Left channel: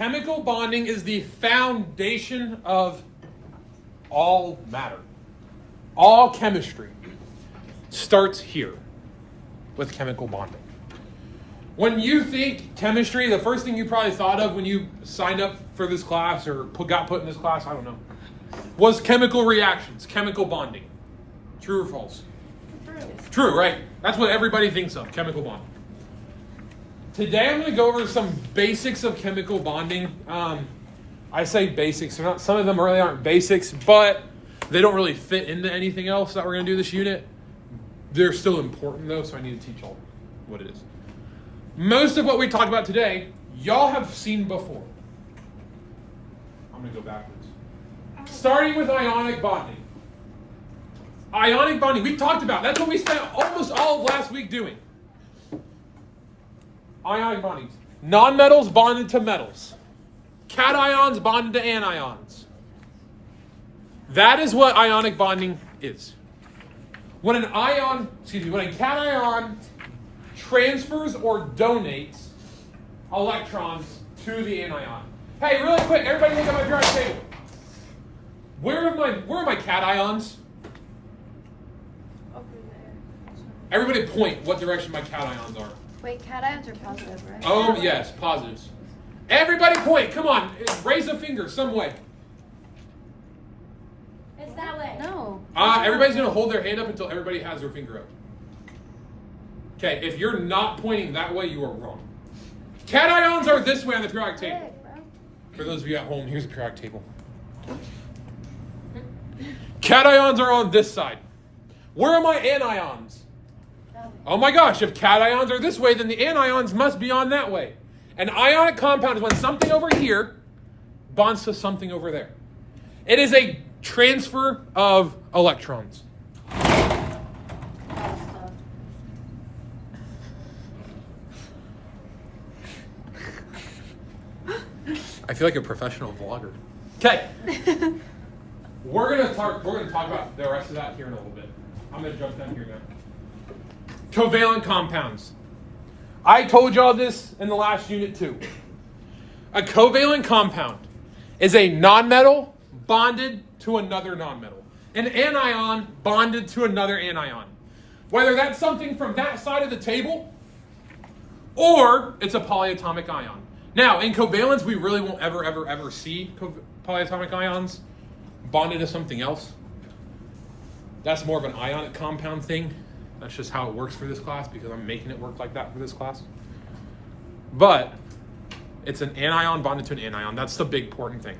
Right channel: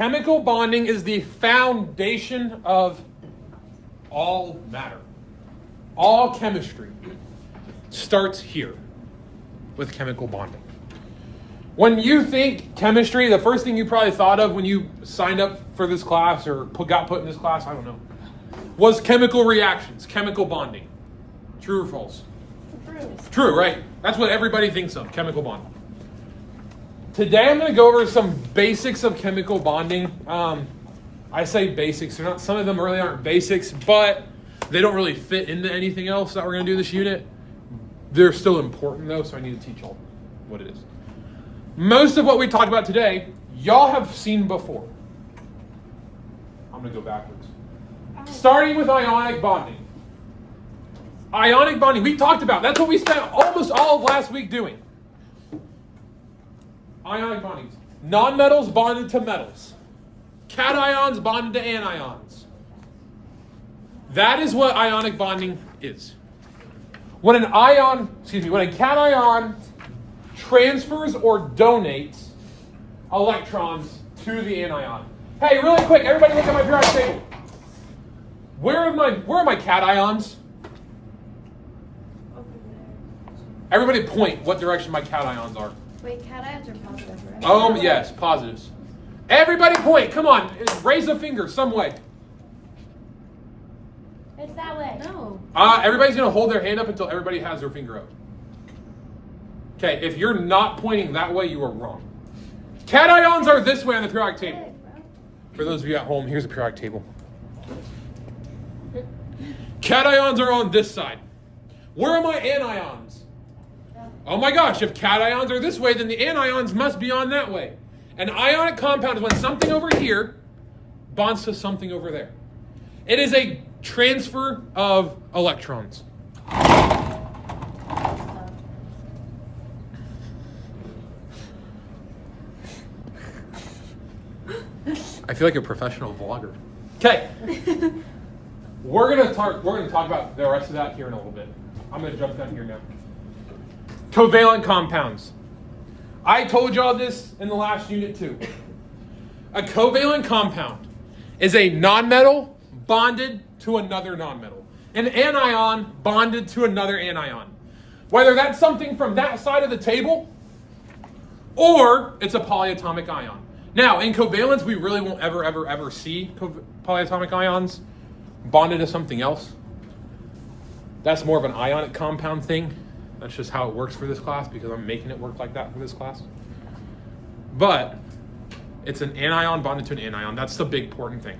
Chemical bonding is the foundation of all matter. All chemistry starts here with chemical bonding. When you think chemistry, the first thing you probably thought of when you signed up for this class or got put in this class, I don't know, was chemical reactions, chemical bonding. True or false? True, right? That's what everybody thinks of, chemical bonding. Today I'm going to go over some basics of chemical bonding. I say basics. They're not, some of them really aren't basics, but they don't really fit into anything else that we're going to do this unit. They're still important though, so I need to teach y'all what it is. Most of what we talked about today, y'all have seen before. I'm going to go backwards. Starting with ionic bonding. Ionic bonding, we talked about. That's what we spent almost all of last week doing. Ionic bonding. Nonmetals bonded to metals. Cations bonded to anions. That is what ionic bonding is. When a cation transfers or donates electrons to the anion. Hey, really quick, everybody look at my periodic table. Where are my cations? Over there. Everybody point what direction my cations are. Wait, cations are positive, right? Oh, yes, positives. Everybody point, come on, raise a finger some way. It's that way. No. Everybody's going to hold their hand up until everybody has their finger up. Okay, if you're not pointing that way, you are wrong. Cations are this way on the periodic table. For those of you at home, here's a periodic table. Cations are on this side. Where are my anions? Oh my gosh, if cations are this way, then the anions must be on that way. An ionic compound is when something over here bonds to something over there. It is a transfer of electrons. I feel like a professional vlogger. Okay. We're gonna talk about the rest of that here in a little bit. I'm gonna jump down here now. Covalent compounds. I told y'all this in the last unit too. A covalent compound is a nonmetal bonded to another nonmetal. An anion bonded to another anion. Whether that's something from that side of the table or it's a polyatomic ion. Now, in covalence, we really won't ever see polyatomic ions bonded to something else. That's more of an ionic compound thing. That's just how it works for this class because I'm making it work like that for this class. But it's an anion bonded to an anion. That's the big important thing.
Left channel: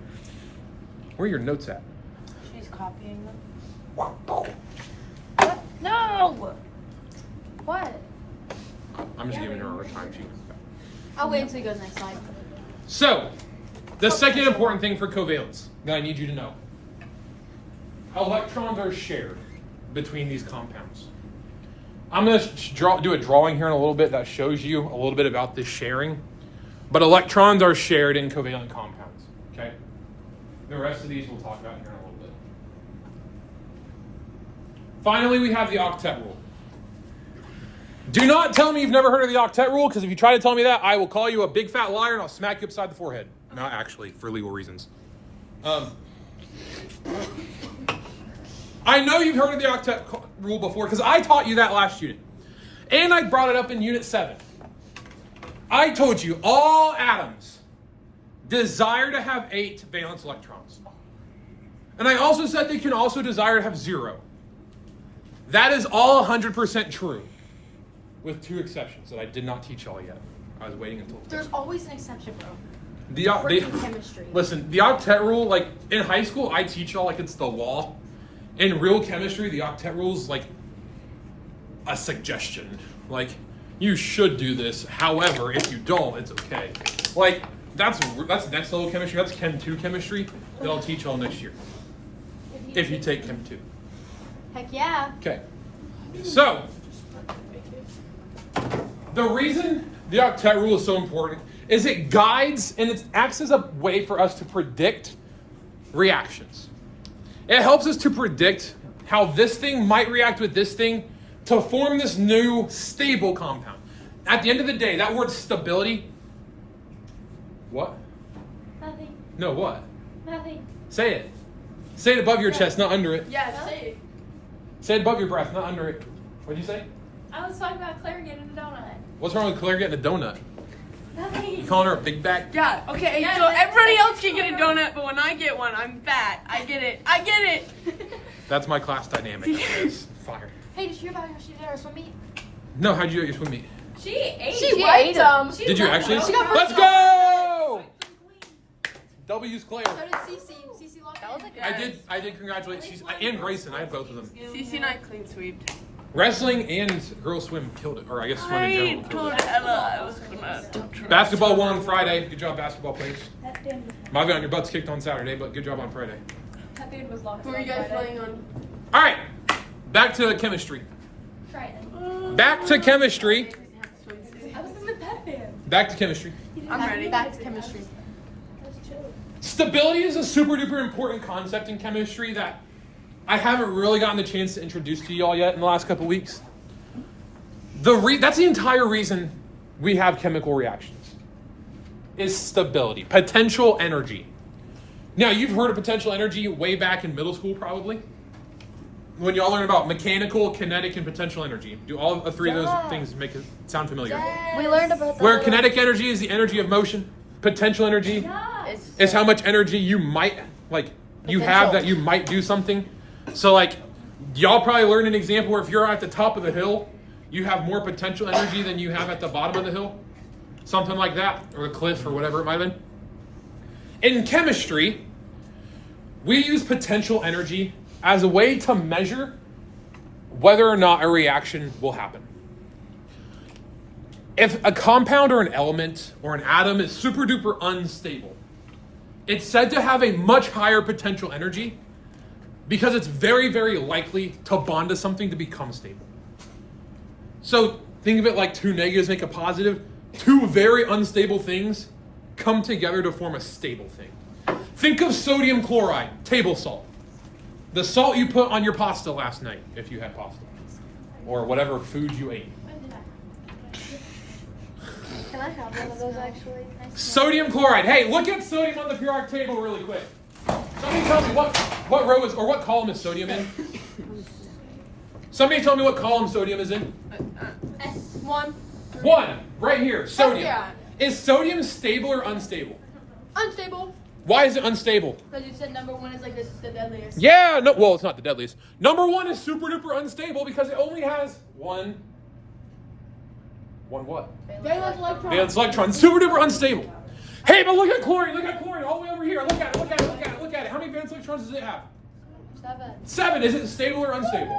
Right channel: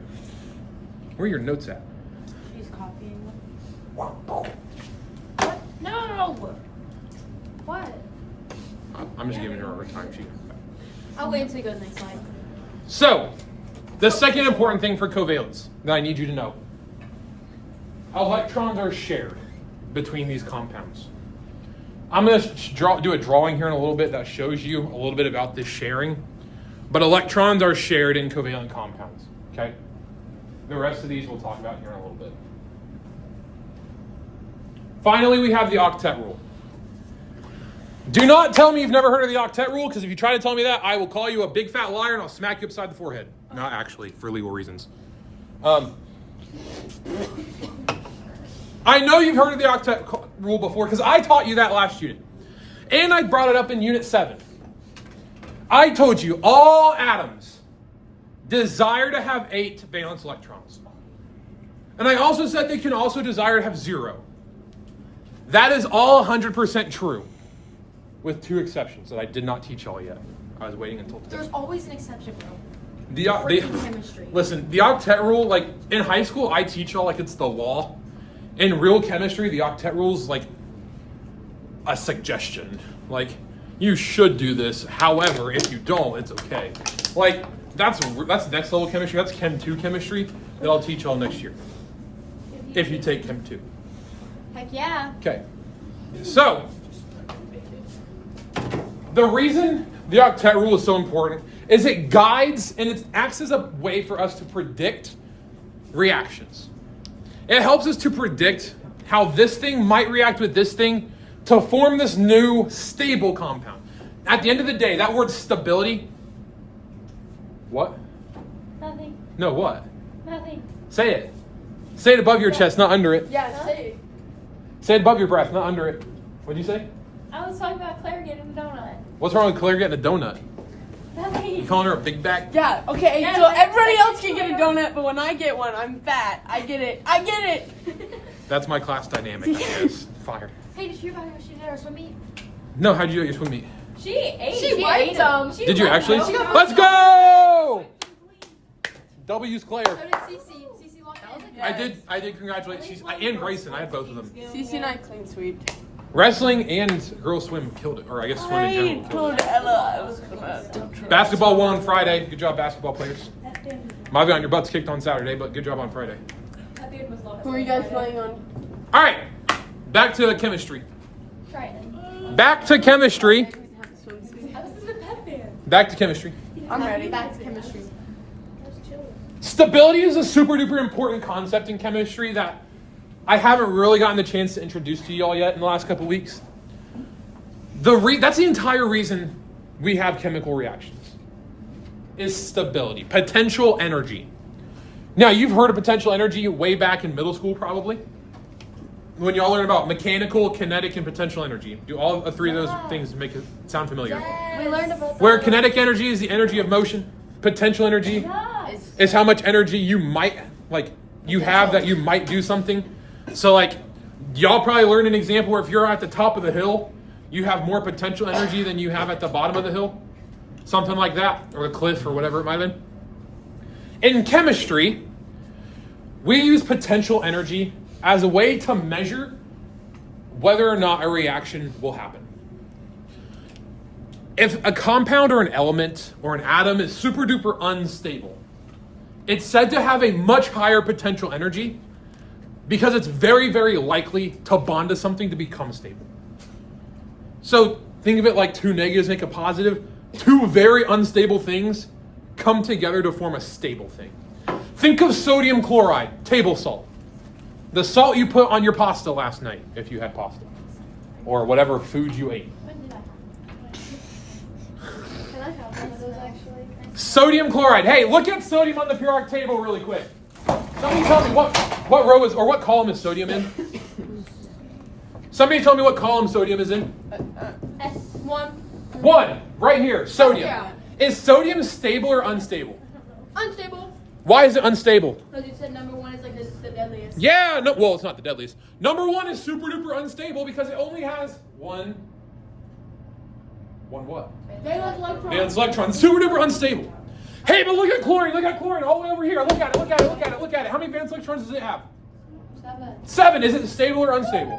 Where are your notes at? She's copying them. No! What? I'm just giving her a hard time. I'll wait until he goes next slide. So, the second important thing for covalence that I need you to know. Electrons are shared between these compounds. I'm going to do a drawing here in a little bit that shows you a little bit about this sharing. But electrons are shared in covalent compounds. Okay? The rest of these we'll talk about here in a little bit. Finally, we have the octet rule. Do not tell me you've never heard of the octet rule, because if you try to tell me that, I will call you a big fat liar and I'll smack you upside the forehead. Not actually, for legal reasons. I know you've heard of the octet rule before, because I taught you that last unit. And I brought it up in unit 7. I told you all atoms desire to have 8 valence electrons. And I also said they can also desire to have 0. That is all 100% true. With 2 exceptions that I did not teach y'all yet. I was waiting until today. There's always an exception, bro. Chemistry. Listen, the octet rule, like in high school, I teach y'all like it's the law. In real chemistry, the octet rule is like a suggestion. Like, you should do this. However, if you don't, it's okay. Like, that's next level chemistry. That's Chem 2 chemistry that I'll teach y'all next year. If you take Chem 2. Heck yeah. Okay. So, the reason the octet rule is so important is it guides and it acts as a way for us to predict reactions. It helps us to predict how this thing might react with this thing to form this new stable compound. At the end of the day, that word stability, what? Nothing. No, what? Nothing. Say it. Say it above your chest, not under it. Yeah, say it. Say it above your breath, not under it. What'd you say? I was talking about Claire getting a donut. What's wrong with Claire getting a donut? You Nothing. calling her a big bag? Yeah, okay, Yeah, so that's everybody like- else can get a donut, but when I get one, I'm fat. I get it. I get it. That's my class dynamic, I guess. Fire. Hey, did you hear about how she did her swim meet? No, how'd you do your swim meet? She ate. She ate them. Did you actually? She got Let's go! W's Claire. So did Cece. Cece locked in. I did congratulate and Grayson. I had both of them. CC and I clean sweep. Wrestling and girls swim killed it, or I guess swim in general killed it. Ella I was gonna touch her. Basketball won on Friday. Good job, basketball players. Might be on your butts kicked on Saturday, but good job on Friday. Who are you guys playing on? All right, back to chemistry. Try it. Back to chemistry. I was in the pep band. Back to chemistry. I'm ready. Back to chemistry. Stability is a super duper important concept in chemistry that I haven't really gotten the chance to introduce to y'all yet in the last couple weeks. That's the entire reason we have chemical reactions. Is stability, potential energy. Now, you've heard of potential energy way back in middle school, probably. When y'all learn about mechanical, kinetic, and potential energy. Do all three of those things make it sound familiar? We learned about Where kinetic energy is the energy of motion, potential energy is how much energy you might, you have that you might do something. So, y'all probably learned an example where if you're at the top of the hill, you have more potential energy than you have at the bottom of the hill. Something like that, or the cliff, or whatever it might have been. In chemistry, we use potential energy as a way to measure whether or not a reaction will happen. If a compound or an element or an atom is super duper unstable, it's said to have a much higher potential energy because it's very, very likely to bond to something to become stable. So think of it like two negatives make a positive. Two very unstable things come together to form a stable thing. Think of sodium chloride, table salt. The salt you put on your pasta last night, if you had pasta, or whatever food you ate. Can I have one of those actually? Sodium chloride. Hey, look at sodium on the periodic table really quick. Somebody tell me what row is, or what column is sodium in? Somebody tell me what column sodium is in. S1. 1, right here, sodium. Yeah. Is sodium stable or unstable? Unstable. Why is it unstable? Because you said number 1 is like the deadliest. Yeah, no, well, it's not the deadliest. Number 1 is super duper unstable because it only has one what? Valence electron. Valence electron, super duper unstable. Hey, but look at chlorine, all the way over here. Look at it. How many valence electrons does it have? 7. Is it stable or unstable?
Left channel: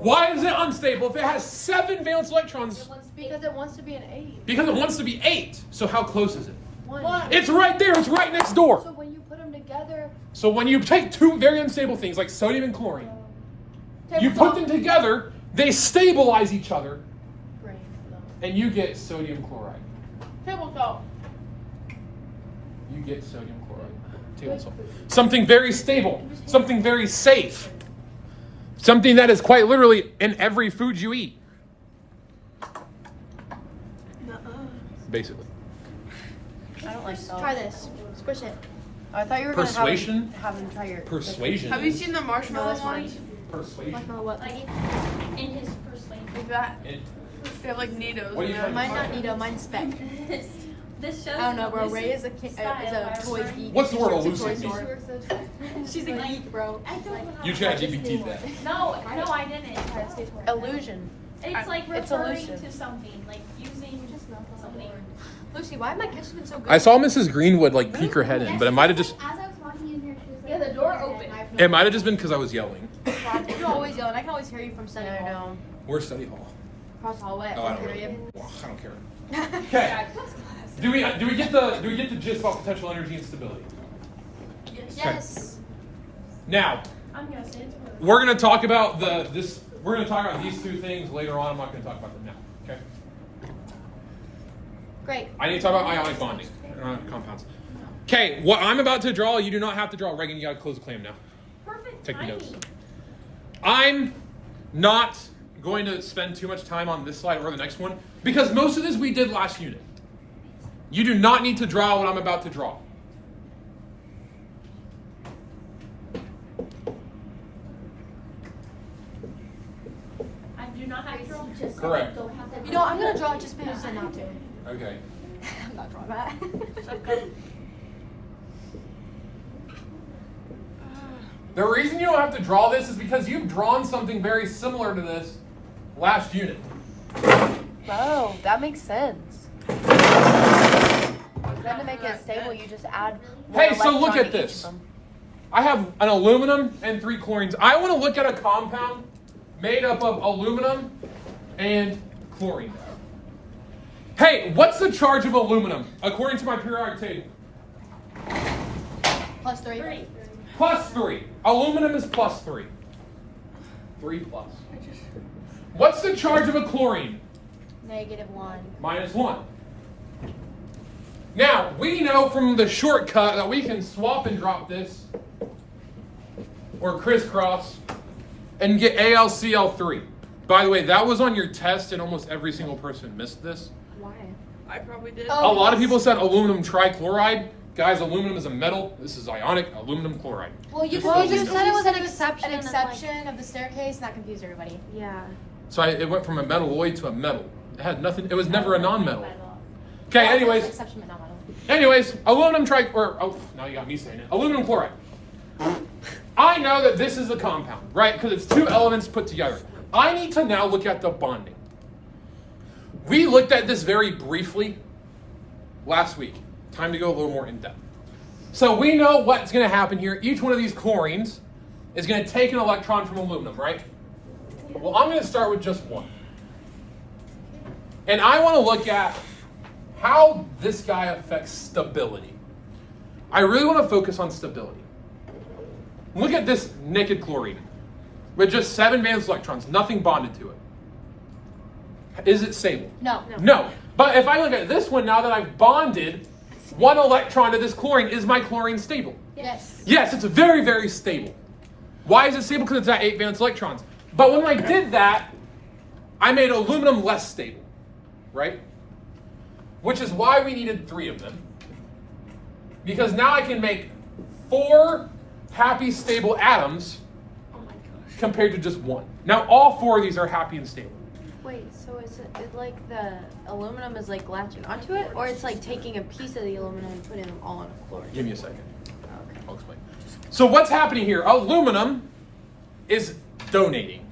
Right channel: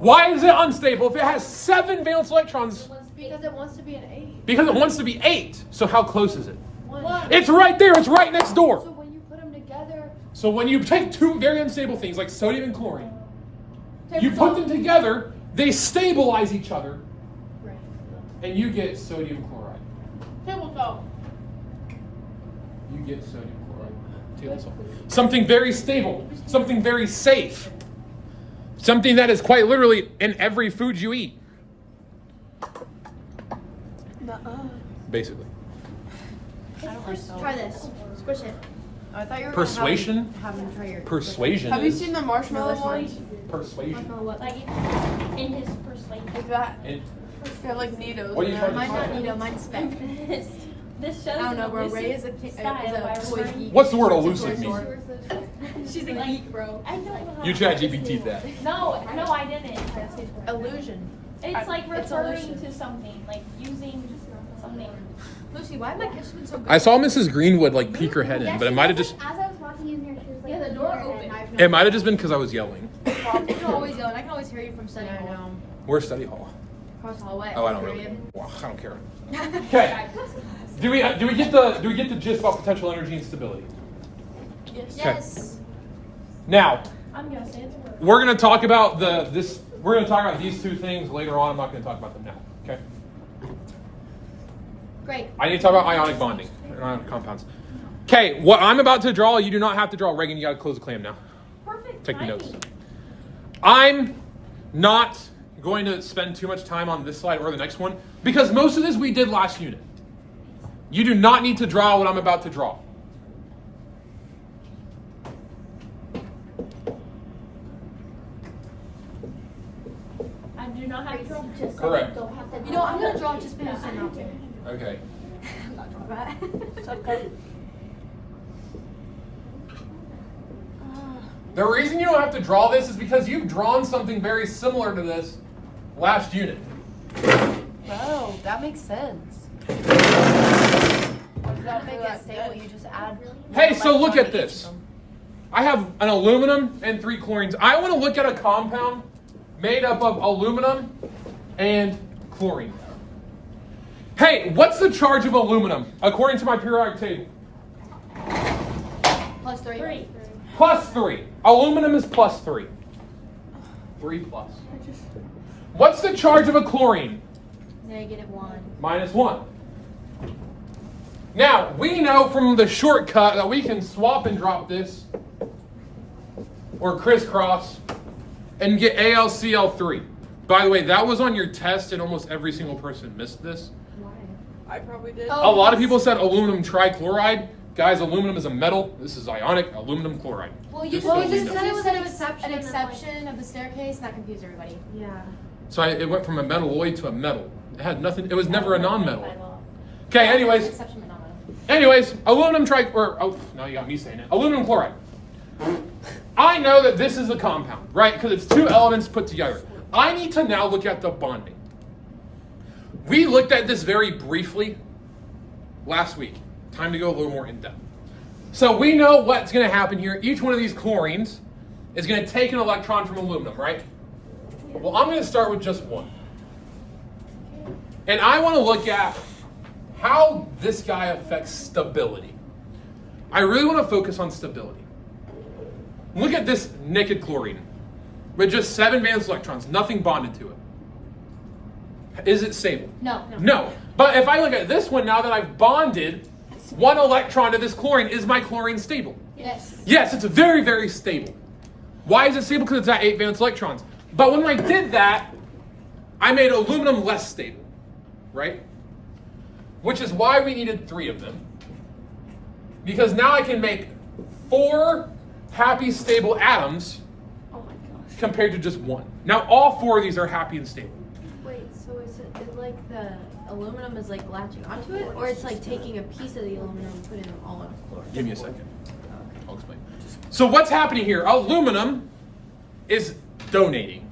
Why is it unstable if it has 7 valence electrons? Because it wants to be an 8. Because it wants to be 8. So how close is it? 1. It's right there. It's right next door. So when you put them together, So when you take two very unstable things like sodium and chlorine, you put them together, they stabilize each other, and you get sodium chloride. table salt. You get sodium chloride. Table salt. Something very stable. Something very safe. Something that is quite literally in every food you eat. Basically. Try this. Squish it. I thought you were Persuasion? have them try your. Persuasion. Have you is- seen the marshmallow ones? Persuasion. Like in his persuasion. Like that. And They have like needles. What are you and trying to they're Mine's not Nito, mine's Speck. This shows I don't know, bro. Ray is a toy geek. what's the word elusive mean? She's a geek, bro. I don't know. You chat GPT that. No, I didn't. illusion. It's like It's referring elusive. to something, like using something. Lucy, why am I kitchen so good? I saw Mrs. Greenwood peek her head in, but it might have just As I was walking in here, she was like, Yeah, the door open. it might have just been because I was yelling. You're always yelling. I can always hear you from study hall. Where's study hall? Across the hallway. Oh, I don't really. Well, I don't care. Okay. Do we get the gist about potential energy and stability? Yes. Now, I'm gonna say it's real. we're gonna talk about we're gonna talk about these two things later on. I'm not gonna talk about them now. Okay. Great. I need to talk about ionic bonding, ionic compounds. Okay, what I'm about to draw, you do not have to draw. Reagan, you gotta close the clam now. Perfect. Take your notes. timing. I'm not going to spend too much time on this slide or the next one because most of this we did last unit. You do not need to draw what I'm about to draw. just Correct. Go have to You know, I'm gonna draw it just because you said not to. Okay. I'm not drawing that. Okay. The reason you don't have to draw this is because you've drawn something very similar to this last unit. Oh, that makes sense. Instead of making it stable, you just add. Hey, so look electron at to each this. of them. I have an aluminum and 3 chlorines. I want to look at a compound made up of aluminum and chlorine. Hey, what's the charge of aluminum according to my periodic table? Plus 3. 3. Plus 3. Aluminum is plus 3. 3 plus. What's the charge of a chlorine? -1. Minus 1. Now, we know from the shortcut that we can swap and drop this, or crisscross, and get AlCl3. By the way, that was on your test, and almost every single person missed this. Why? I probably did. Oh. A lot of people said aluminum trichloride. Guys, aluminum is a metal. This is ionic aluminum chloride. Well, you Just Well, so you we know. said it was an An exception. exception of the staircase, and that confused everybody. Yeah. So it went from a metalloid to a metal. It had nothing. It was never a non-metal. Okay. Anyways, Exception, but not mine. aluminum now you got me saying it. Aluminum chloride. I know that this is a compound, right? Because it's 2 elements put together. I need to now look at the bonding. We looked at this very briefly last week. Time to go a little more in depth. So we know what's going to happen here. Each one of these chlorines is going to take an electron from aluminum, right? Well, I'm going to start with just one. And I want to look at how this guy affects stability. I really want to focus on stability. Look at this naked chlorine with just 7 valence electrons, nothing bonded to it. Is it stable? No. No. But if I look at this one, now that I've bonded 1 electron to this chlorine, is my chlorine stable? Yes. Yes, it's very, very stable. Why is it stable? Because it's at 8 valence electrons. But when I did that, I made aluminum less stable, right? Which is why we needed 3 of them. Because now I can make 4 happy, stable atoms Oh my gosh. compared to just 1. Now all 4 of these are happy and stable. Wait, so is it like the aluminum is like latching onto it, or it's like taking a piece of the aluminum and putting them all on a floor? Give me a second. I'll explain. So what's happening here? Aluminum is donating.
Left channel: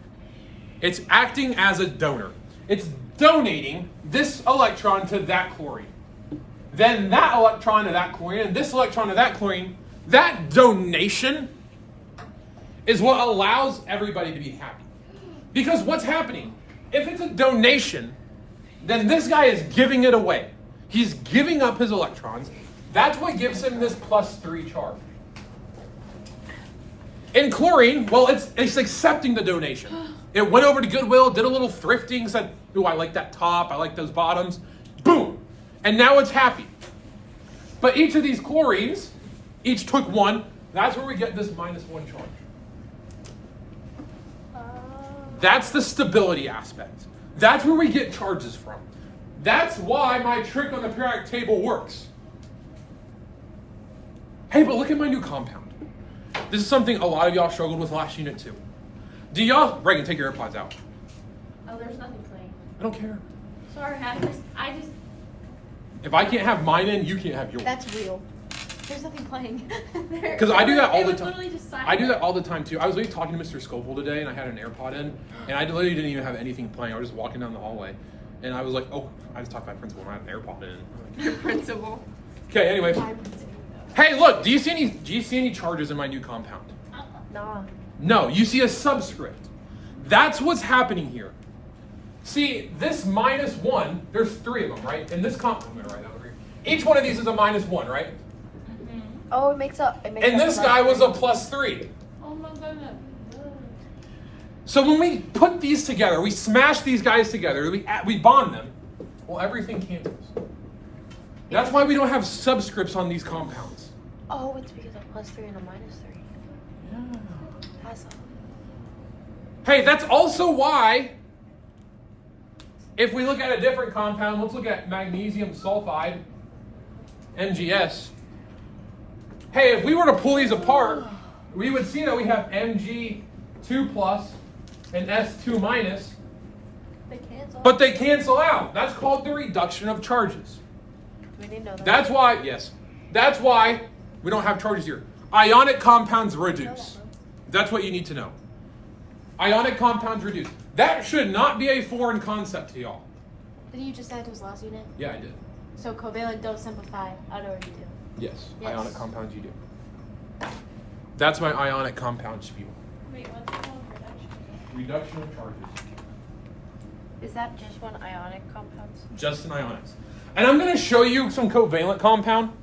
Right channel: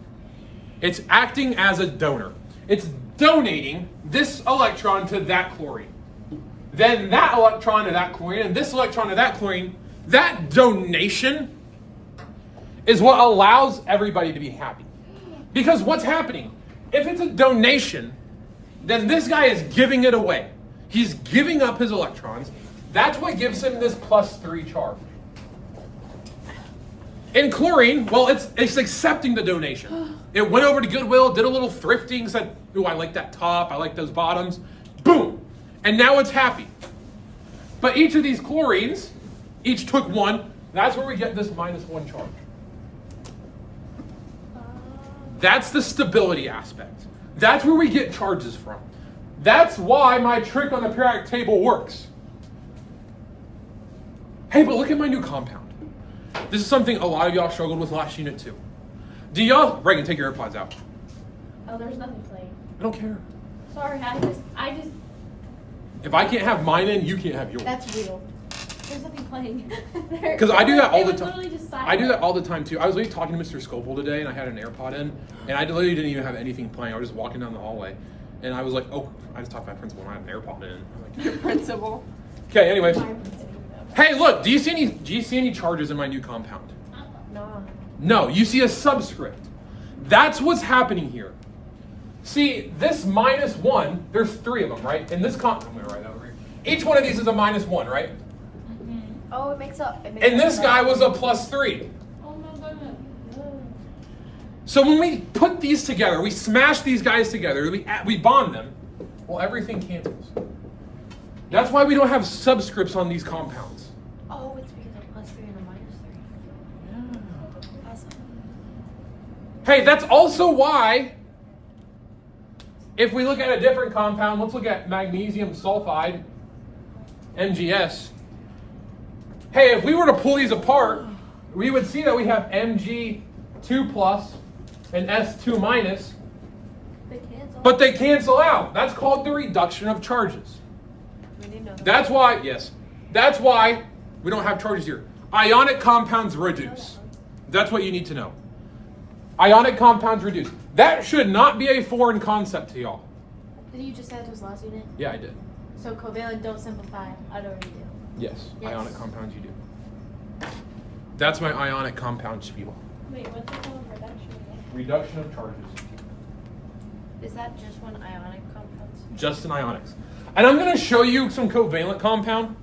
It's acting as a donor. It's donating this electron to that chlorine. Then that electron to that chlorine, and this electron to that chlorine. That donation is what allows everybody to be happy. Because what's happening? If it's a donation, then this guy is giving it away. He's giving up his electrons. That's what gives him this +3 charge. In chlorine, well, it's accepting the donation. It went over to Goodwill, did a little thrifting, said, ooh, I like that top, I like those bottoms. Boom. And now it's happy. But each of these chlorines, each took 1. That's where we get this -1 charge. That's the stability aspect. That's where we get charges from. That's why my trick on the periodic table works. Hey, but look at my new compound. This is something a lot of y'all struggled with last unit too. Do y'all, Reagan, take your AirPods out. Oh, there's nothing playing. I don't care. Sorry, I just. If I can't have mine in, you can't have yours. That's real. There's nothing playing. Because I do that all the It was time. literally just I do that silent. all the time too. I was literally talking to Mr. Scopel today, and I had an AirPod in, and I literally didn't even have anything playing. I was just walking down the hallway, and I was like, "Oh, I just talked to my principal, and I had an AirPod in." I'm like, Principal. okay, anyways. Hey, look, do you see any charges in my new compound? No. No, you see a subscript. That's what's happening here. See, this -1, there's 3 of them, right? In this I'm gonna write that over here. Each one of these is a -1, right? Oh, it makes up. And this guy was a +3. Oh my goodness. So when we put these together, we smash these guys together, we bond them, well, everything cancels. That's why we don't have subscripts on these compounds. Oh, it's because of +3 and a -3. Yeah. That's- Hey, that's also why, if we look at a different compound, let's look at magnesium sulfide, MgS. Hey, if we were to pull these apart, we would see that we have Mg2+ and S2-. They cancel. But they cancel out. That's called the reduction of charges. That's why, yes, that's why we don't have charges here. Ionic compounds reduce. That's what you need to know. Ionic compounds reduce. That should not be a foreign concept to y'all. Did you just add to his last unit? Yeah, I did. So covalent don't simplify. I'd already do. Yes, Yes. ionic compounds you do. That's my ionic compounds to you all. Wait, what's it called? Reduction? Reduction of charges. Is that just one ionic compounds? Just in ionics. And I'm going to show you some covalent compound.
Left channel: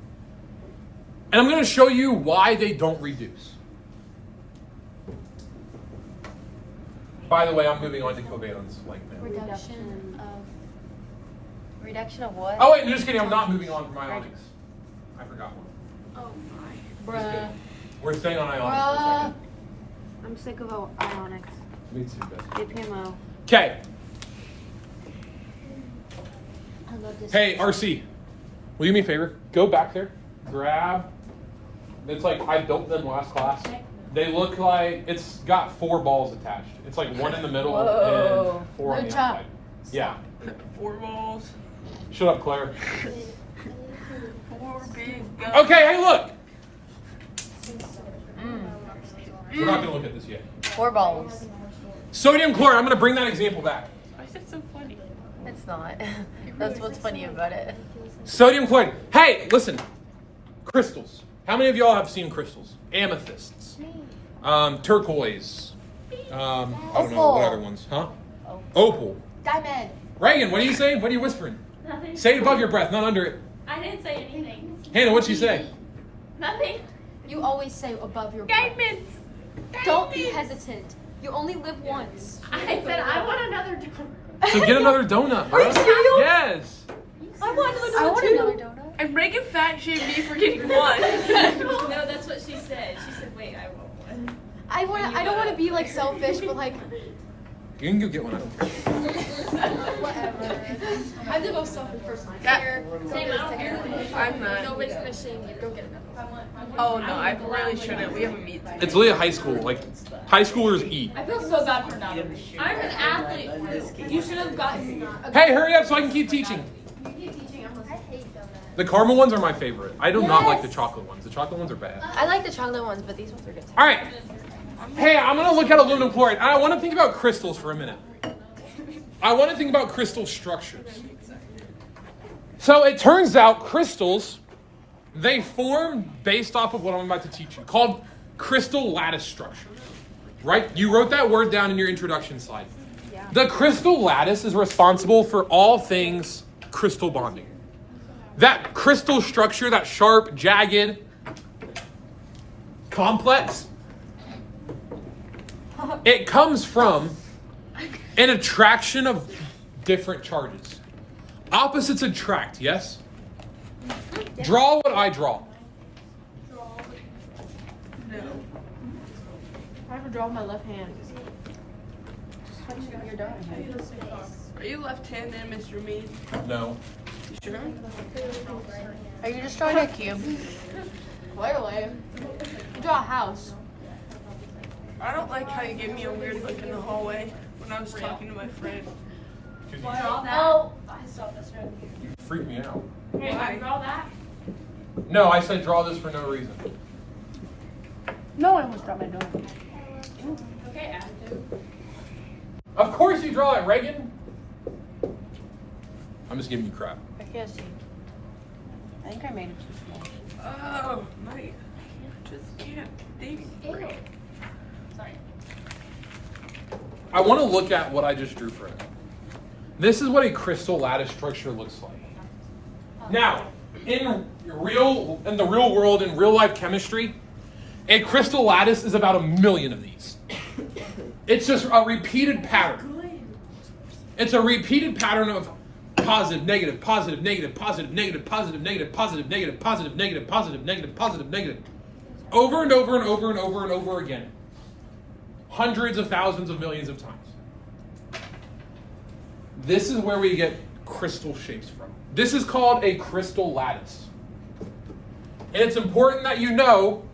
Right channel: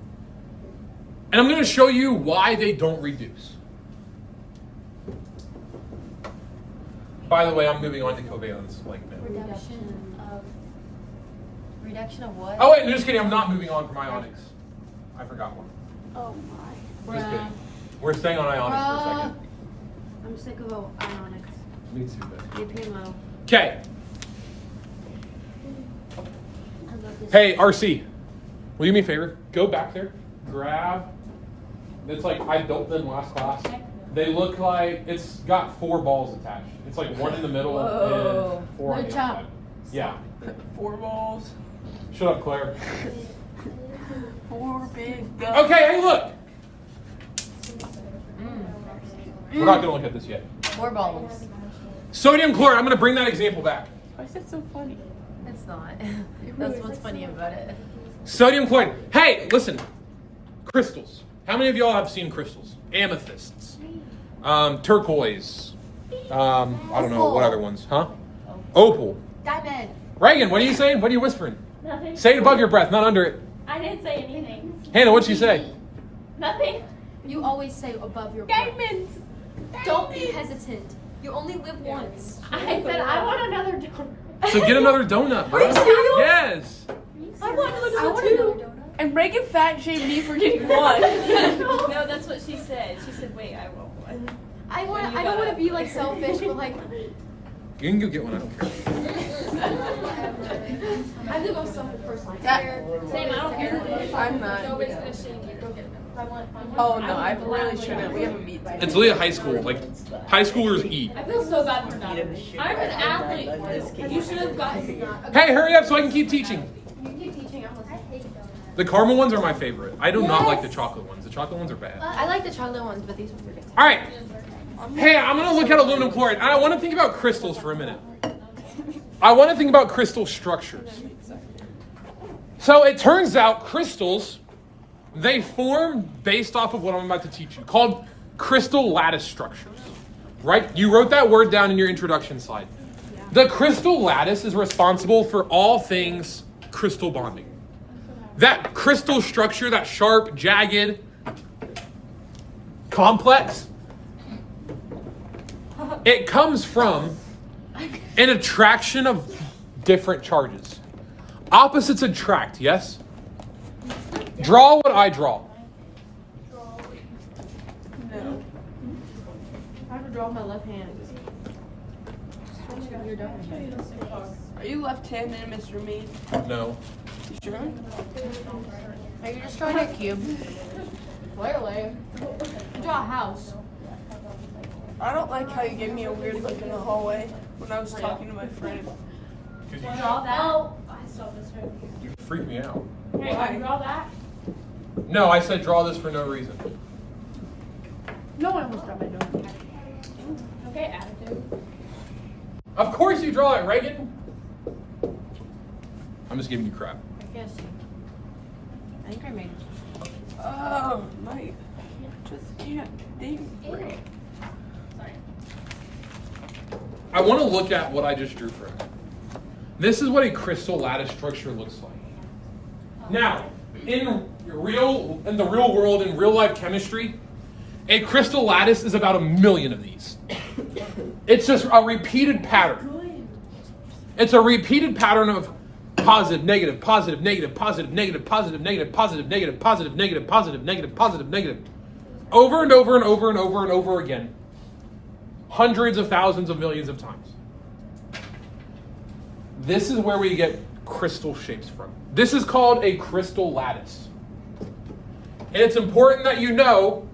And I'm going to show you why they don't reduce. By the way, I'm moving on to covalence like now. Reduction of what? Oh wait, no, just kidding. I'm not moving on from ionics. I forgot one. Oh my. Just kidding. We're staying on ionics for a second. I'm sick of ionics. Me too, but. GPMO. Okay. I love this. Hey, RC. Will you do me a favor? Go back there. Grab. It's like I built them last class. They look like it's got 4 balls attached. It's like one in the middle Whoa. and 4 on the Good job. inside. Yeah. 4 balls. Shut up, Claire. 4 big guns. Okay, hey, look. We're not gonna look at this yet. 4 balls. Sodium chloride. I'm gonna bring that example back. Why is it so funny? It's not. That's what's funny about it. Sodium chloride. Hey, listen. Crystals. How many of y'all have seen crystals? Amethysts. Turquoise. I don't know what other ones, huh? Opal. Diamond. Reagan, what are you saying? What are you whispering? Nothing. Say it above your breath, not under it. I didn't say anything. Hannah, what'd you say? Nothing. You always say above your breath. Diamonds. Don't be hesitant. You only live once. I said I want another donut. So get another donut, bro. Are you serious? Yes. I want another donut. And Reagan fat shamed me for getting one. No, that's what she said. She said, "Wait, I want one." I don't want to be like selfish, but like. You can go get one, I don't care. I'm the most selfish person. Yeah. Same, I don't care. I'm not. Nobody's gonna shame you. Go get it. Oh no, I really shouldn't. We have a meet. It's Leah High School. Like, high schoolers eat. I feel so bad for that. I'm an athlete. You should have gotten. Hey, hurry up so I can keep teaching. You keep teaching. I'm like, I hate donuts. The caramel ones are my favorite. I do not like the chocolate ones. The chocolate ones are bad. I like the chocolate ones, but these ones are good. All right. Hey, I'm going to look at aluminum chloride. I want to think about crystals for a minute. I want to think about crystal structures. So it turns out crystals, they form based off of what I'm about to teach you, called crystal lattice structures. Right? You wrote that word down in your introduction slide. The crystal lattice is responsible for all things crystal bonding. That crystal structure, that sharp, jagged, complex, it comes from an attraction of different charges. Opposites attract, yes? Draw what I draw. No. I have to draw with my left hand. You're done. Are you left-handed, Mr. Mead? No. You sure? Are you just drawing a cube? Clearly. Draw a house. I don't like how you gave me a weird look in the hallway when I was talking to my friend. Draw that. Oh, I saw this one. You freak me out. Wait, Why? you draw that? No, I said draw this for no reason. No one almost dropped my donut. Okay, attitude. Of course you draw it, Reagan. I'm just giving you crap. I can't see. I think I made it. Oh, my. Just can't think. Sorry. I want to look at what I just drew for it. This is what a crystal lattice structure looks like. Now, in the real world, in real life chemistry, a crystal lattice is about 1 million of these. It's just a repeated pattern. It's a repeated pattern of positive, negative, positive, negative, positive, negative, positive, negative, positive, negative, positive, negative, positive, negative, positive, negative. Over and over and over and over and over again. Hundreds of thousands of millions of times. This is where we get crystal shapes from. This is called a crystal lattice. And it's important that you know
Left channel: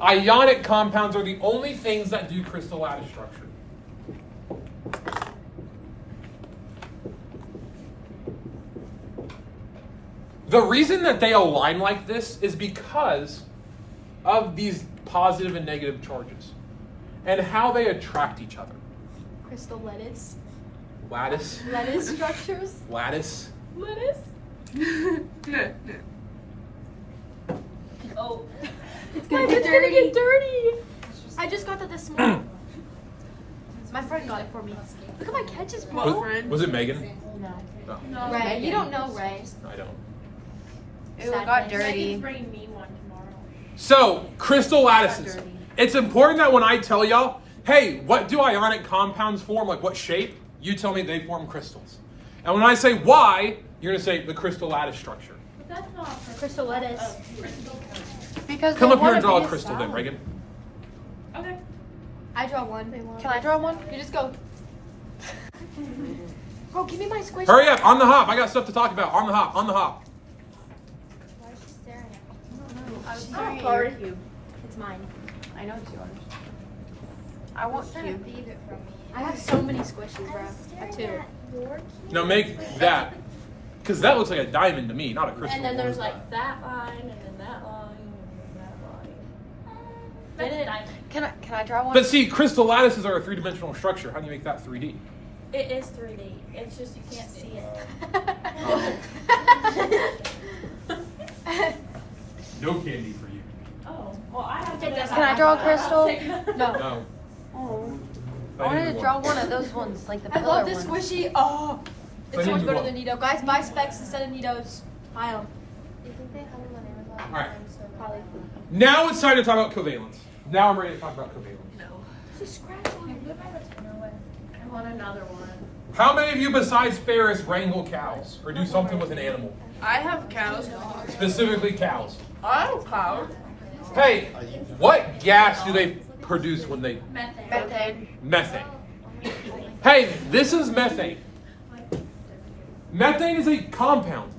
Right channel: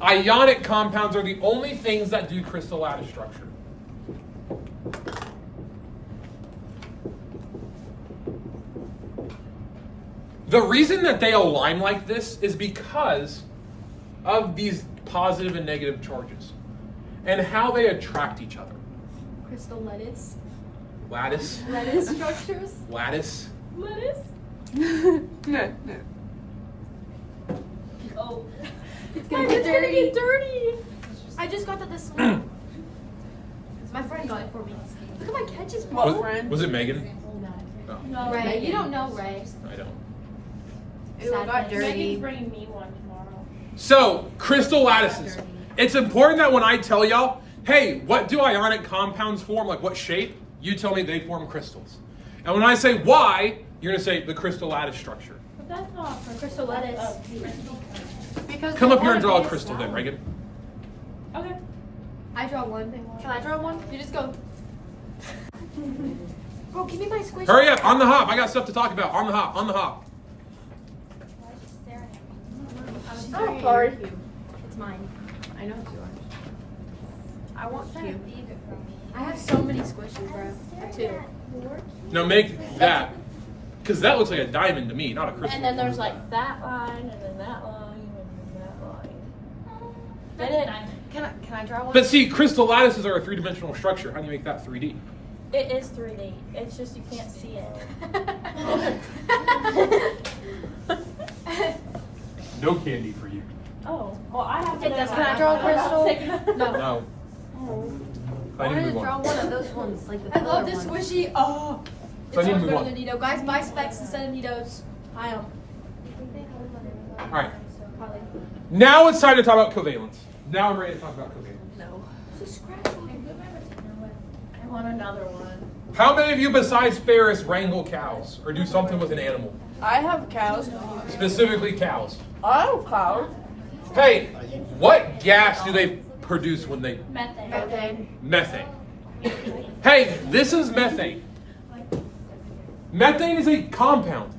ionic compounds are the only things that do crystal lattice structure. The reason that they align like this is because of these positive and negative charges and how they attract each other. Crystal lettuce. Lattice. Lettuce structures. Lattice. Lettuce. No. Oh. It's My gonna hand's get gonna dirty. get dirty. I just got that this morning. My friend got it for me. Look at my catches. What friend? Was it Megan? No. No, Ray, you don't know Ray. I don't. Ew, it got Megan's dirty. bringing me one tomorrow. So, crystal lattices. It's important that when I tell y'all, hey, what do ionic compounds form? Like what shape? You tell me they form crystals. And when I say why, you're gonna say the crystal lattice structure. But that's not Crystal lettuce. Because Come they up here want and a draw a base crystal then, solid. Reagan. Okay. I draw one. Can I draw one? You just go. Bro, give me my squish. Hurry up, on the hop. I got stuff to talk about. On the hop, on the hop. She's Oh, staring at sorry. your cube. It's mine. I know it's yours. I want cube. I have so many squishes, bro. I have 2. Now make that, because that looks like a diamond to me, not a crystal. And then there's like that line, and then that line, and then that line. Then it, Can I draw one? But see, crystal lattices are a three-dimensional structure. How do you make that 3D? it is 3D. It's just you can't see it. No candy for you. Oh, well, I have It to. does Can I draw a crystal? No. No. I I wanted need to to draw move on. one of those ones, like the I love pillar this ones. squishy. Oh. So I need to It's move go on. to the Nito. Guys, buy specs instead of Nitos. Buy them. All right. Now it's time to talk about covalence. Now I'm ready to talk about covalence. No. I want another one. How many of you besides Ferris wrangle cows or do something with an animal? I have cows. Specifically cows. I have cows. Hey, what gas do they produce when they... Methane. Methane. Hey, this is methane. Methane is a compound.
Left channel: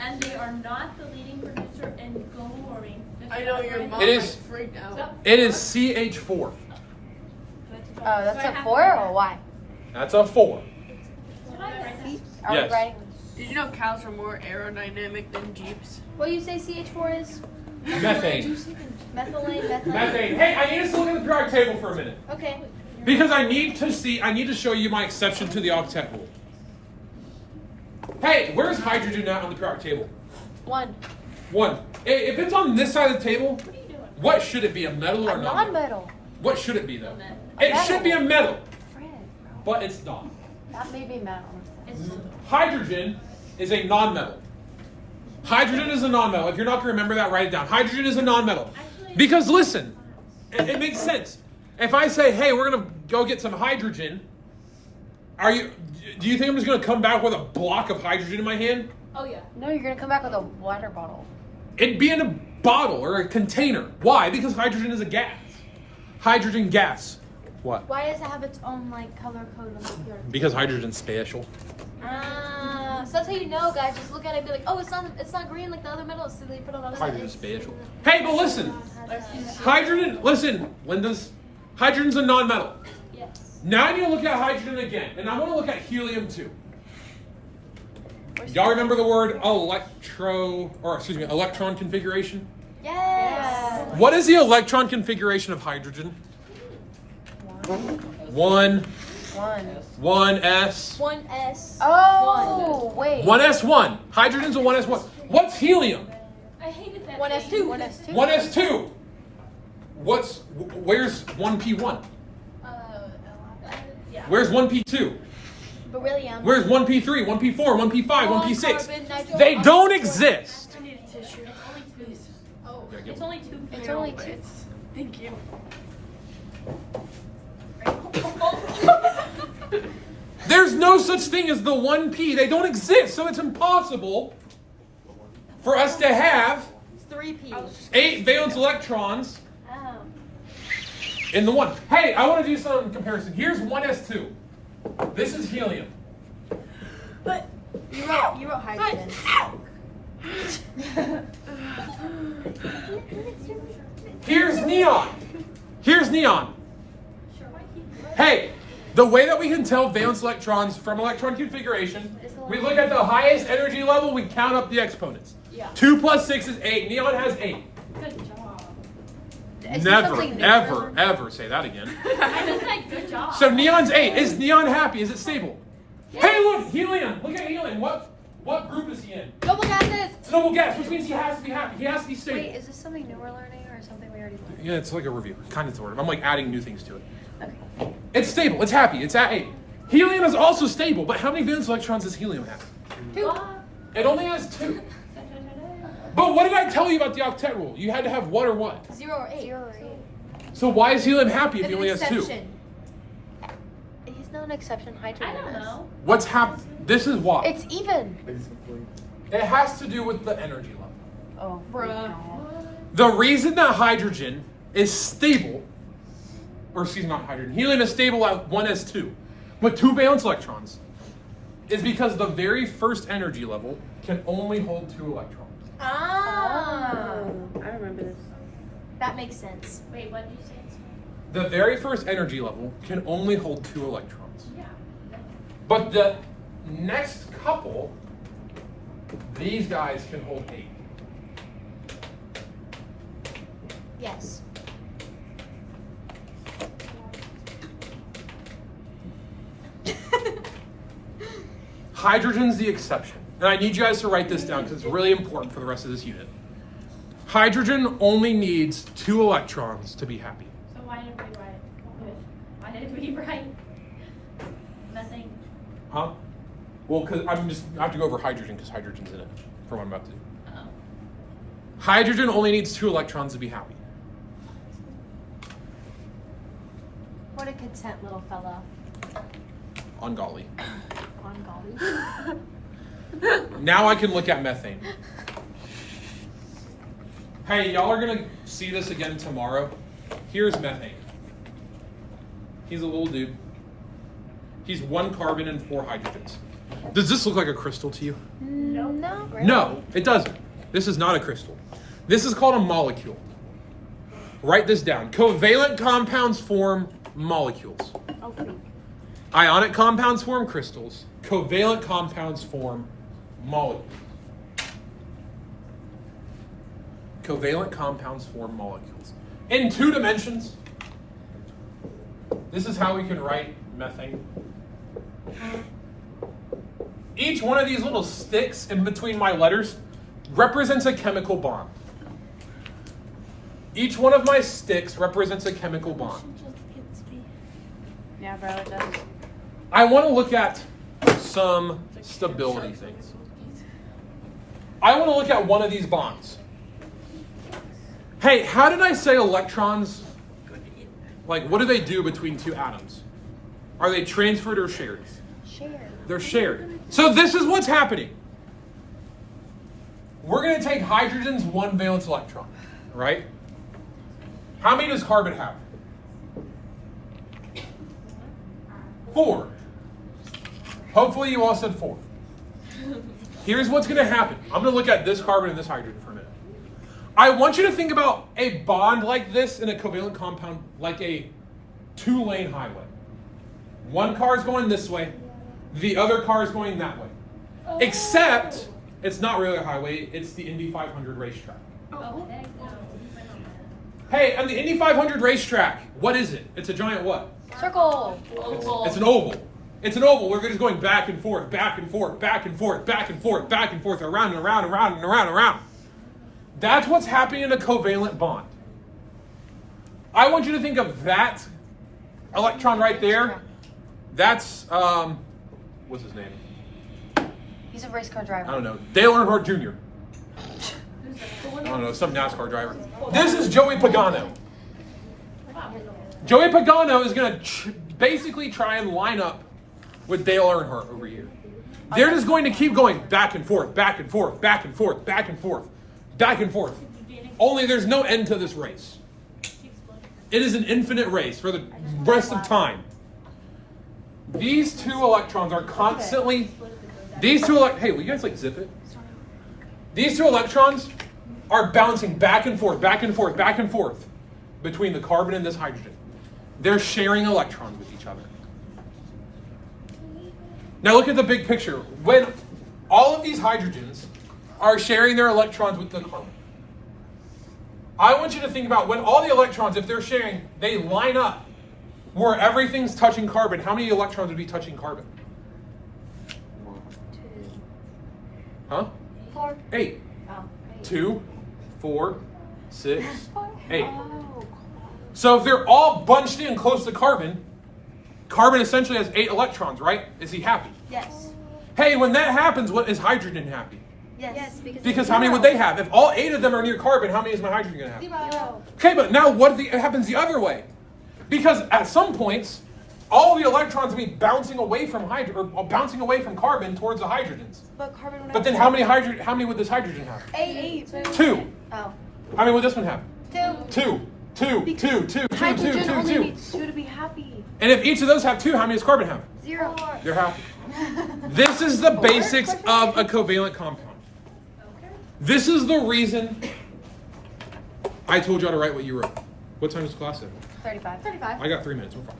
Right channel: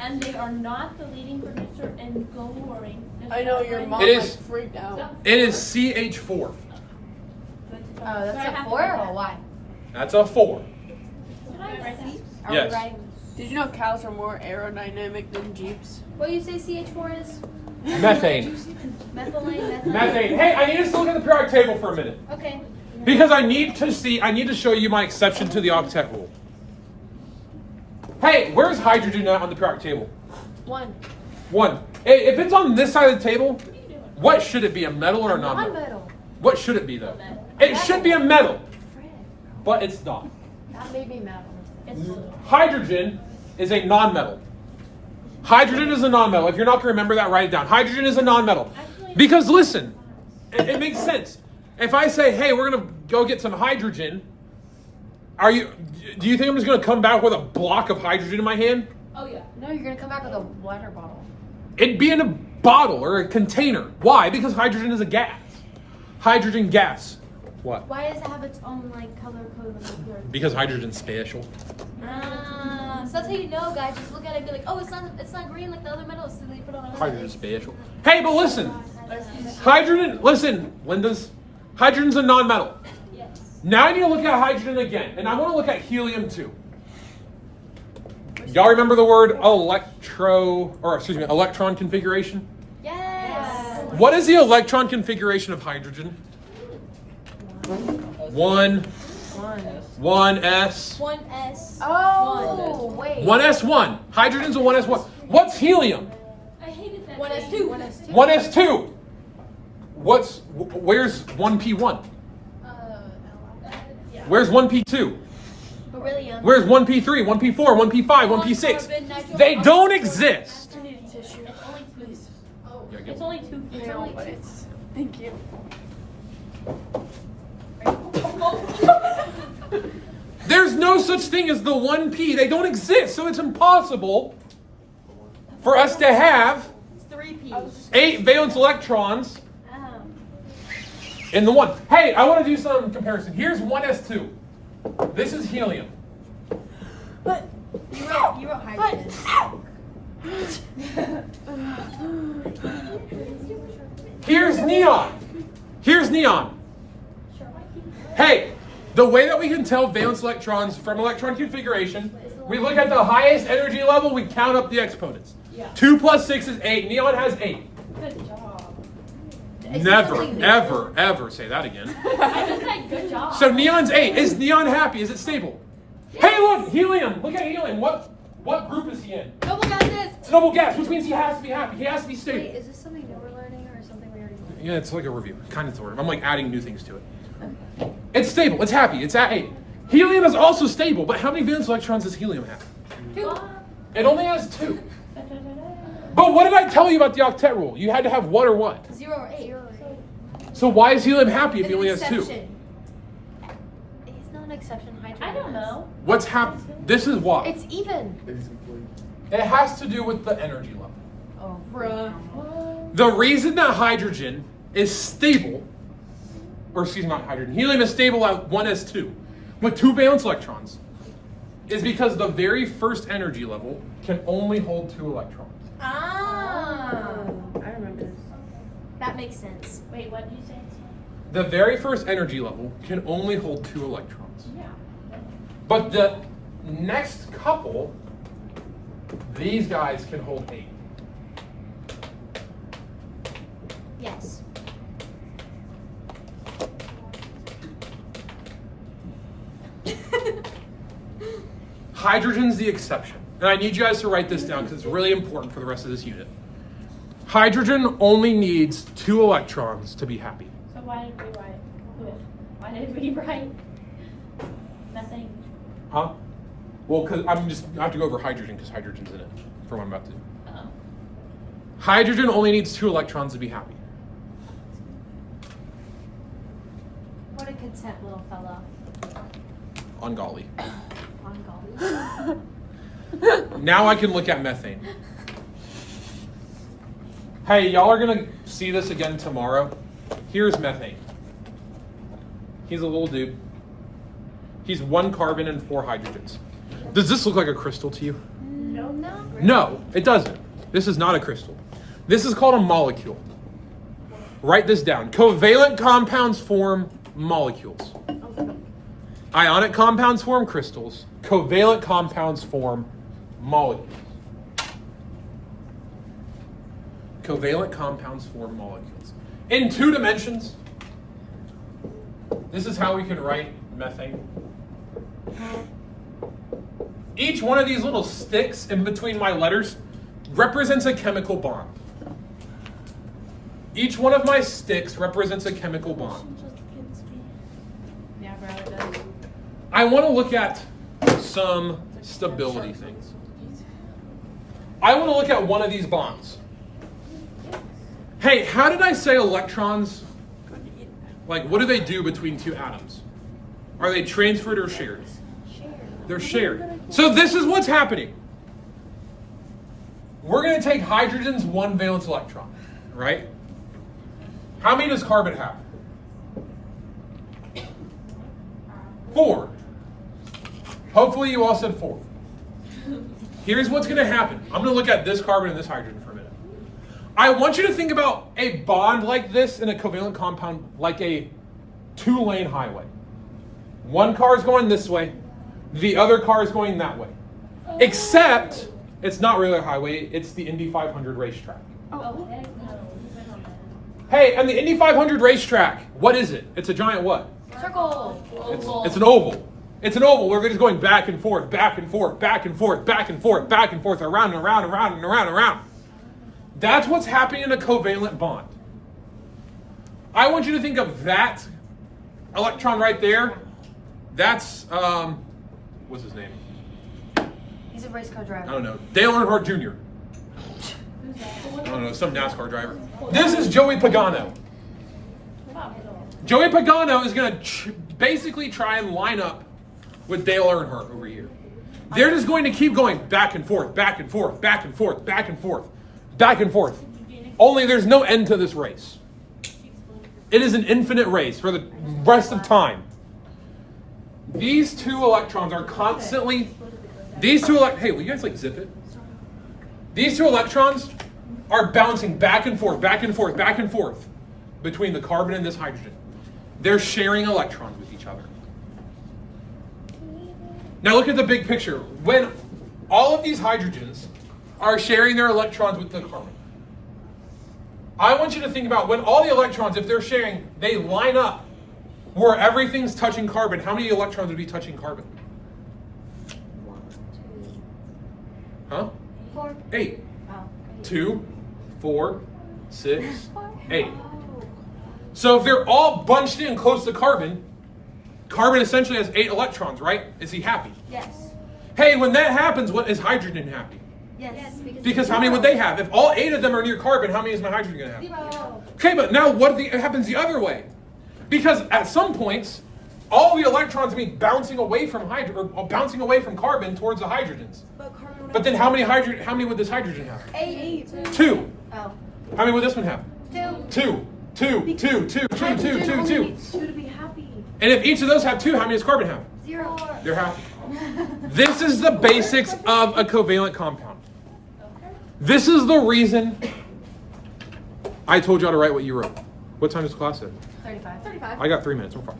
And they are not the leading producer in global warming. I know your mom It is- is freaked out. It is CH4. Oh, that's a 4 or why? That's a 4. Are Yes. we writing? Did you know cows are more aerodynamic than jeeps? What do you say CH4 is? Methane. Methylene. Methane. Hey, I need us to look at the periodic table for a minute. Okay. Because I need to show you my exception to the octet rule. Hey, where's hydrogen at on the periodic table? 1. 1. Hey, if it's on this side of the table, what should it be, a metal or a non-metal? Non-metal. What should it be though? It should be a metal, but it's not. That may be metal. Hydrogen is a non-metal. Hydrogen is a non-metal. If you're not going to remember that, write it down. Hydrogen is a non-metal. Because listen, it makes sense. If I say, hey, we're going to go get some hydrogen, do you think I'm just going to come back with a block of hydrogen in my hand? Oh yeah. No, you're gonna come back with a water bottle. It'd be in a bottle or a container. Why? Because hydrogen is a gas. Hydrogen gas. What? Why does it have its own like color code? Because hydrogen's special. So that's how you know, guys. Just look at it and be like, oh, it's not green like the other metals. So they put all those. Hydrogen's special. Hey, but listen. Hydrogen's a non-metal. Yes. Now I need to look at hydrogen again, and I want to look at helium too. Y'all remember the word electron configuration? Yes. What is the electron configuration of hydrogen? 1, 1s. 1s. Oh, wait. 1s1. Hydrogen's a 1s1. What's helium? I hated that. 1s2. 1s2. 1s2. Where's 1p1? Where's 1p2? Beryllium. Where's 1p3, 1p4, 1p5, Carbon, 1p6? nitrogen. They don't exist. I need a tissue. Yeah, get It's one. only 2. It's only 2. Thank you. There's no such thing as the 1p. They don't exist, so it's impossible for us to have It's 3p. 8 valence electrons Oh. in the 1. Hey, I want to do some comparison. Here's 1s2. This is helium. You wrote hydrogen. Here's neon. Here's neon. Hey, the way that we can tell valence electrons from electron configuration, we look at the highest energy level, we count up the exponents. Yeah. 2 plus 6 is 8. Neon has 8. Good job. Is there Never, something new? ever say that again. I just said good job. So Neon's 8. Is Neon happy? Is it stable? Hey, look, helium. Look at helium. What group is he in? Noble gases. It's noble gas, which means he has to be happy. He has to be stable. Wait, is this something new we're learning or something we already learned? Yeah, it's like a review, kind of sort of. I'm like adding new things to it. It's stable. It's happy. It's at 8. Helium is also stable, but how many valence electrons does helium have? 2. It only has 2. But what did I tell you about the octet rule? You had to have 1 or what? 0 or 8. 0 or 8. So why is helium happy if he only has 2? Exception. He's not an exception. Hydrogen I don't is. know. What's happening? This is why. It's even. It has to do with the energy level. Oh, Bruh. The reason that hydrogen is stable, or excuse me, not hydrogen, helium is stable at 1s2 with 2 valence electrons, is because the very first energy level can only hold 2 electrons. Ah. I remember this. That makes sense. Wait, what did you say? The very first energy level can only hold 2 electrons. Yeah. But the next couple, these guys can hold 8. Yes. Hydrogen's the exception. And I need you guys to write this down because it's really important for the rest of this unit. Hydrogen only needs 2 electrons to be happy. So why did we write? Why did we write nothing? Huh? Well, because I have to go over hydrogen because hydrogen's in it for what I'm about to do. Uh-oh. Hydrogen only needs 2 electrons to be happy. What a content little fellow. On golly. On golly. Now I can look at methane. Hey, y'all are gonna see this again tomorrow. Here's methane. He's a little dude. He's 1 carbon and 4 hydrogens. Does this look like a crystal to you? No. No, it doesn't. This is not a crystal. This is called a molecule. Write this down. Covalent compounds form molecules. Ionic compounds form crystals. Covalent compounds form molecules. Covalent compounds form molecules. In 2 dimensions, this is how we can write methane. Each one of these little sticks in between my letters represents a chemical bond. Each one of my sticks represents a chemical bond. Yeah, bro, it does. I want to look at some stability things. I want to look at one of these bonds. Hey, how did I say electrons, like what do they do between 2 atoms? Are they transferred or shared? They're shared. So this is what's happening. We're going to take hydrogen's 1 valence electron, right? How many does carbon have? 4. Hopefully you all said 4. Here's what's going to happen. I'm going to look at this carbon and this hydrogen for a minute. I want you to think about a bond like this in a covalent compound like a 2-lane highway. One car is going this way, the other car is going that way. Except it's not really a highway, it's the Indy 500 racetrack. Oh. Hey, and the Indy 500 racetrack, what is it? It's a giant what? Circle. It's an oval. It's an oval. We're just going back and forth, back and forth, back and forth, back and forth, back and forth, around and around and around and around and around. That's what's happening in a covalent bond. I want you to think of that electron right there. That's, what's his name? He's a race car driver. I don't know. Dale Earnhardt Jr. I don't know, some NASCAR driver. This is Joey Pagano. Joey Pagano is going to basically try and line up with Dale Earnhardt over here. They're just going to keep going back and forth, back and forth, back and forth, back and forth, back and forth. Only there's no end to this race. It is an infinite race for the rest of time. These 2 electrons are constantly, hey, will you guys like zip it? These 2 electrons are bouncing back and forth, back and forth, back and forth between the carbon and this hydrogen. They're sharing electrons with each other. Now look at the big picture. When all of these hydrogens are sharing their electrons with the carbon. I want you to think about when all the electrons, if they're sharing, they line up where everything's touching carbon. How many electrons would be touching carbon? 1, 2, Huh? 4. 8. oh, 8. 2, 4, 6, 8. Oh, So if they're all bunched in close to carbon, carbon essentially has 8 electrons, right? Is he happy? Yes. Hey, when that happens, what is hydrogen happy? Yes. Because how many would they have? If all 8 of them are near carbon, how many is my hydrogen going to have? 0. Okay, but now what happens the other way? Because at some points, all the electrons will be bouncing away from bouncing away from carbon towards the hydrogens. But carbon would But then how many would this hydrogen have? 8. 2. Oh. How many would this one have? 2. 2. Hydrogen only needs 2 to be happy. And if each of those have 2, how many does carbon have? 0. They're happy. This is the basics of a covalent compound. This is the reason I told y'all to write what you wrote. What time is class at? 35. 35. I got 3 minutes. We're fine.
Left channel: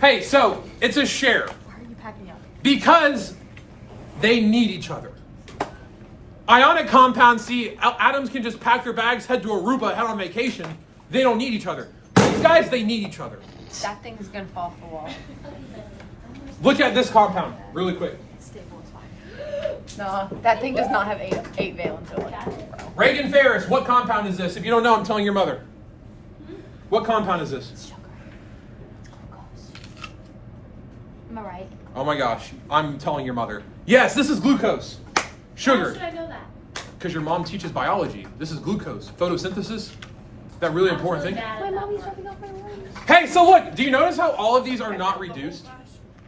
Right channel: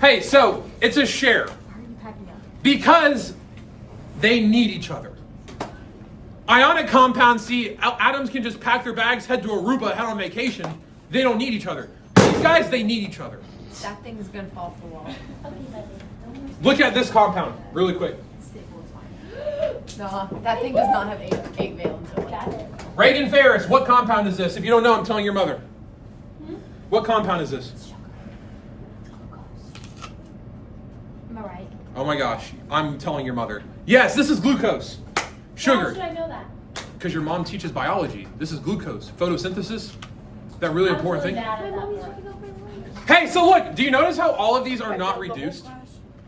Hey, so it's a share because they need each other. Ionic compounds, see, atoms can just pack their bags, head to Aruba, head on vacation. They don't need each other. These guys, they need each other. That thing's gonna fall off the wall. Look at this compound really quick. No, that thing does not have 8 valence. Reagan Ferris, what compound is this? If you don't know, I'm telling your mother. What compound is this? Am I right? Oh my gosh, I'm telling your mother. Yes, this is glucose. How Sugar. should I know that? Because your mom teaches biology. This is glucose. Photosynthesis. That really important thing. My mommy's dropping off my lunch. Hey, so look, do you notice how all of these are not reduced?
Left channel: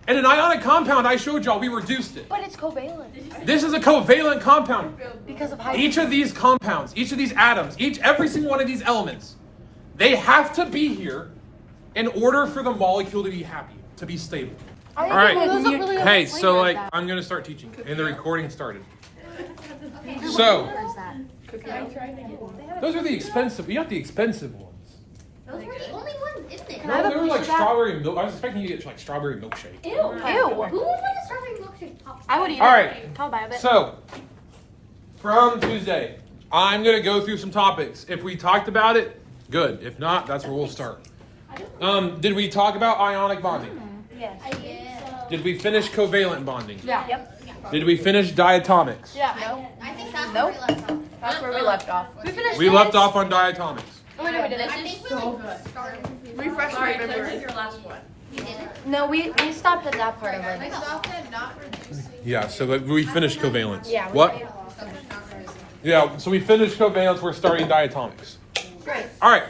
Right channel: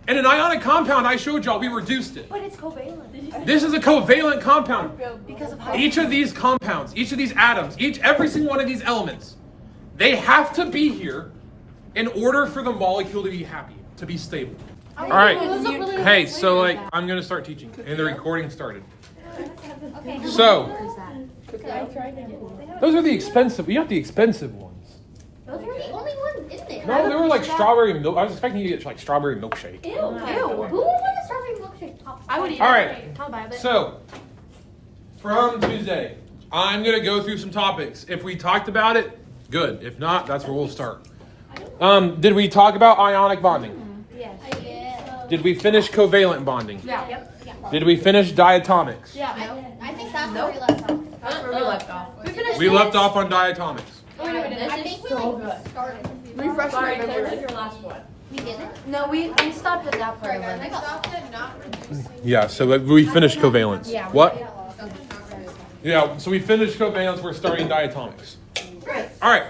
In an ionic compound, I showed y'all, we reduced it. But it's covalent. This is a covalent compound. Because of Each of these compounds, each of these atoms, every single one of these elements, they have to be here in order for the molecule to be happy, to be stable. All right. Hey, so like, I'm going to start teaching, and the recording started. So, those are the expensive, you have the expensive ones. Those were the only ones in there. No, they were like strawberry milk. I was expecting you to get like strawberry milkshake. Ew. Who would like a strawberry milkshake pop? I would eat All it. right. I'll buy it. So, from Tuesday, I'm going to go through some topics. If we talked about it, good. If not, that's where we'll start. Did we talk about ionic bonding? Yes. Did we finish covalent bonding? Yeah. Yep. Did we finish diatomics? Yeah. I think that's Nope. where we left off. That's where we left off. We finished We left off on diatomics. Oh, wait, no, we didn't. I think we started. Refresh my memory. We didn't. No, we stopped at that part of it. Yeah, so we finished covalence. Yeah. What? Yeah, so we finished covalence. We're starting diatomics. All right.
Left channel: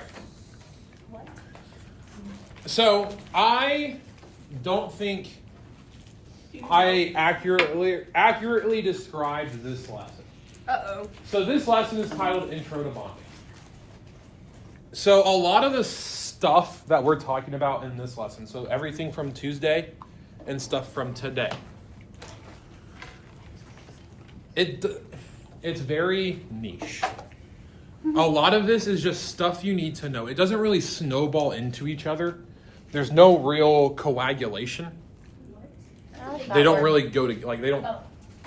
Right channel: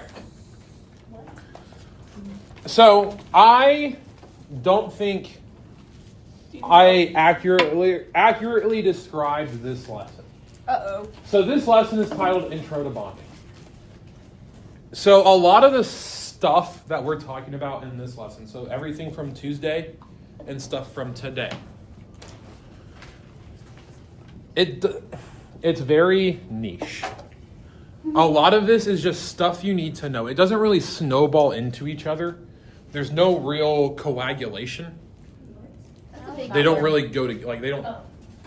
So I don't think I accurately described this lesson. Uh-oh. So this lesson is titled Intro to Bonding. So a lot of the stuff that we're talking about in this lesson, so everything from Tuesday and stuff from today, it's very niche. A lot of this is just stuff you need to know. It doesn't really snowball into each other. There's no real coagulation. They don't really go to, like, they don't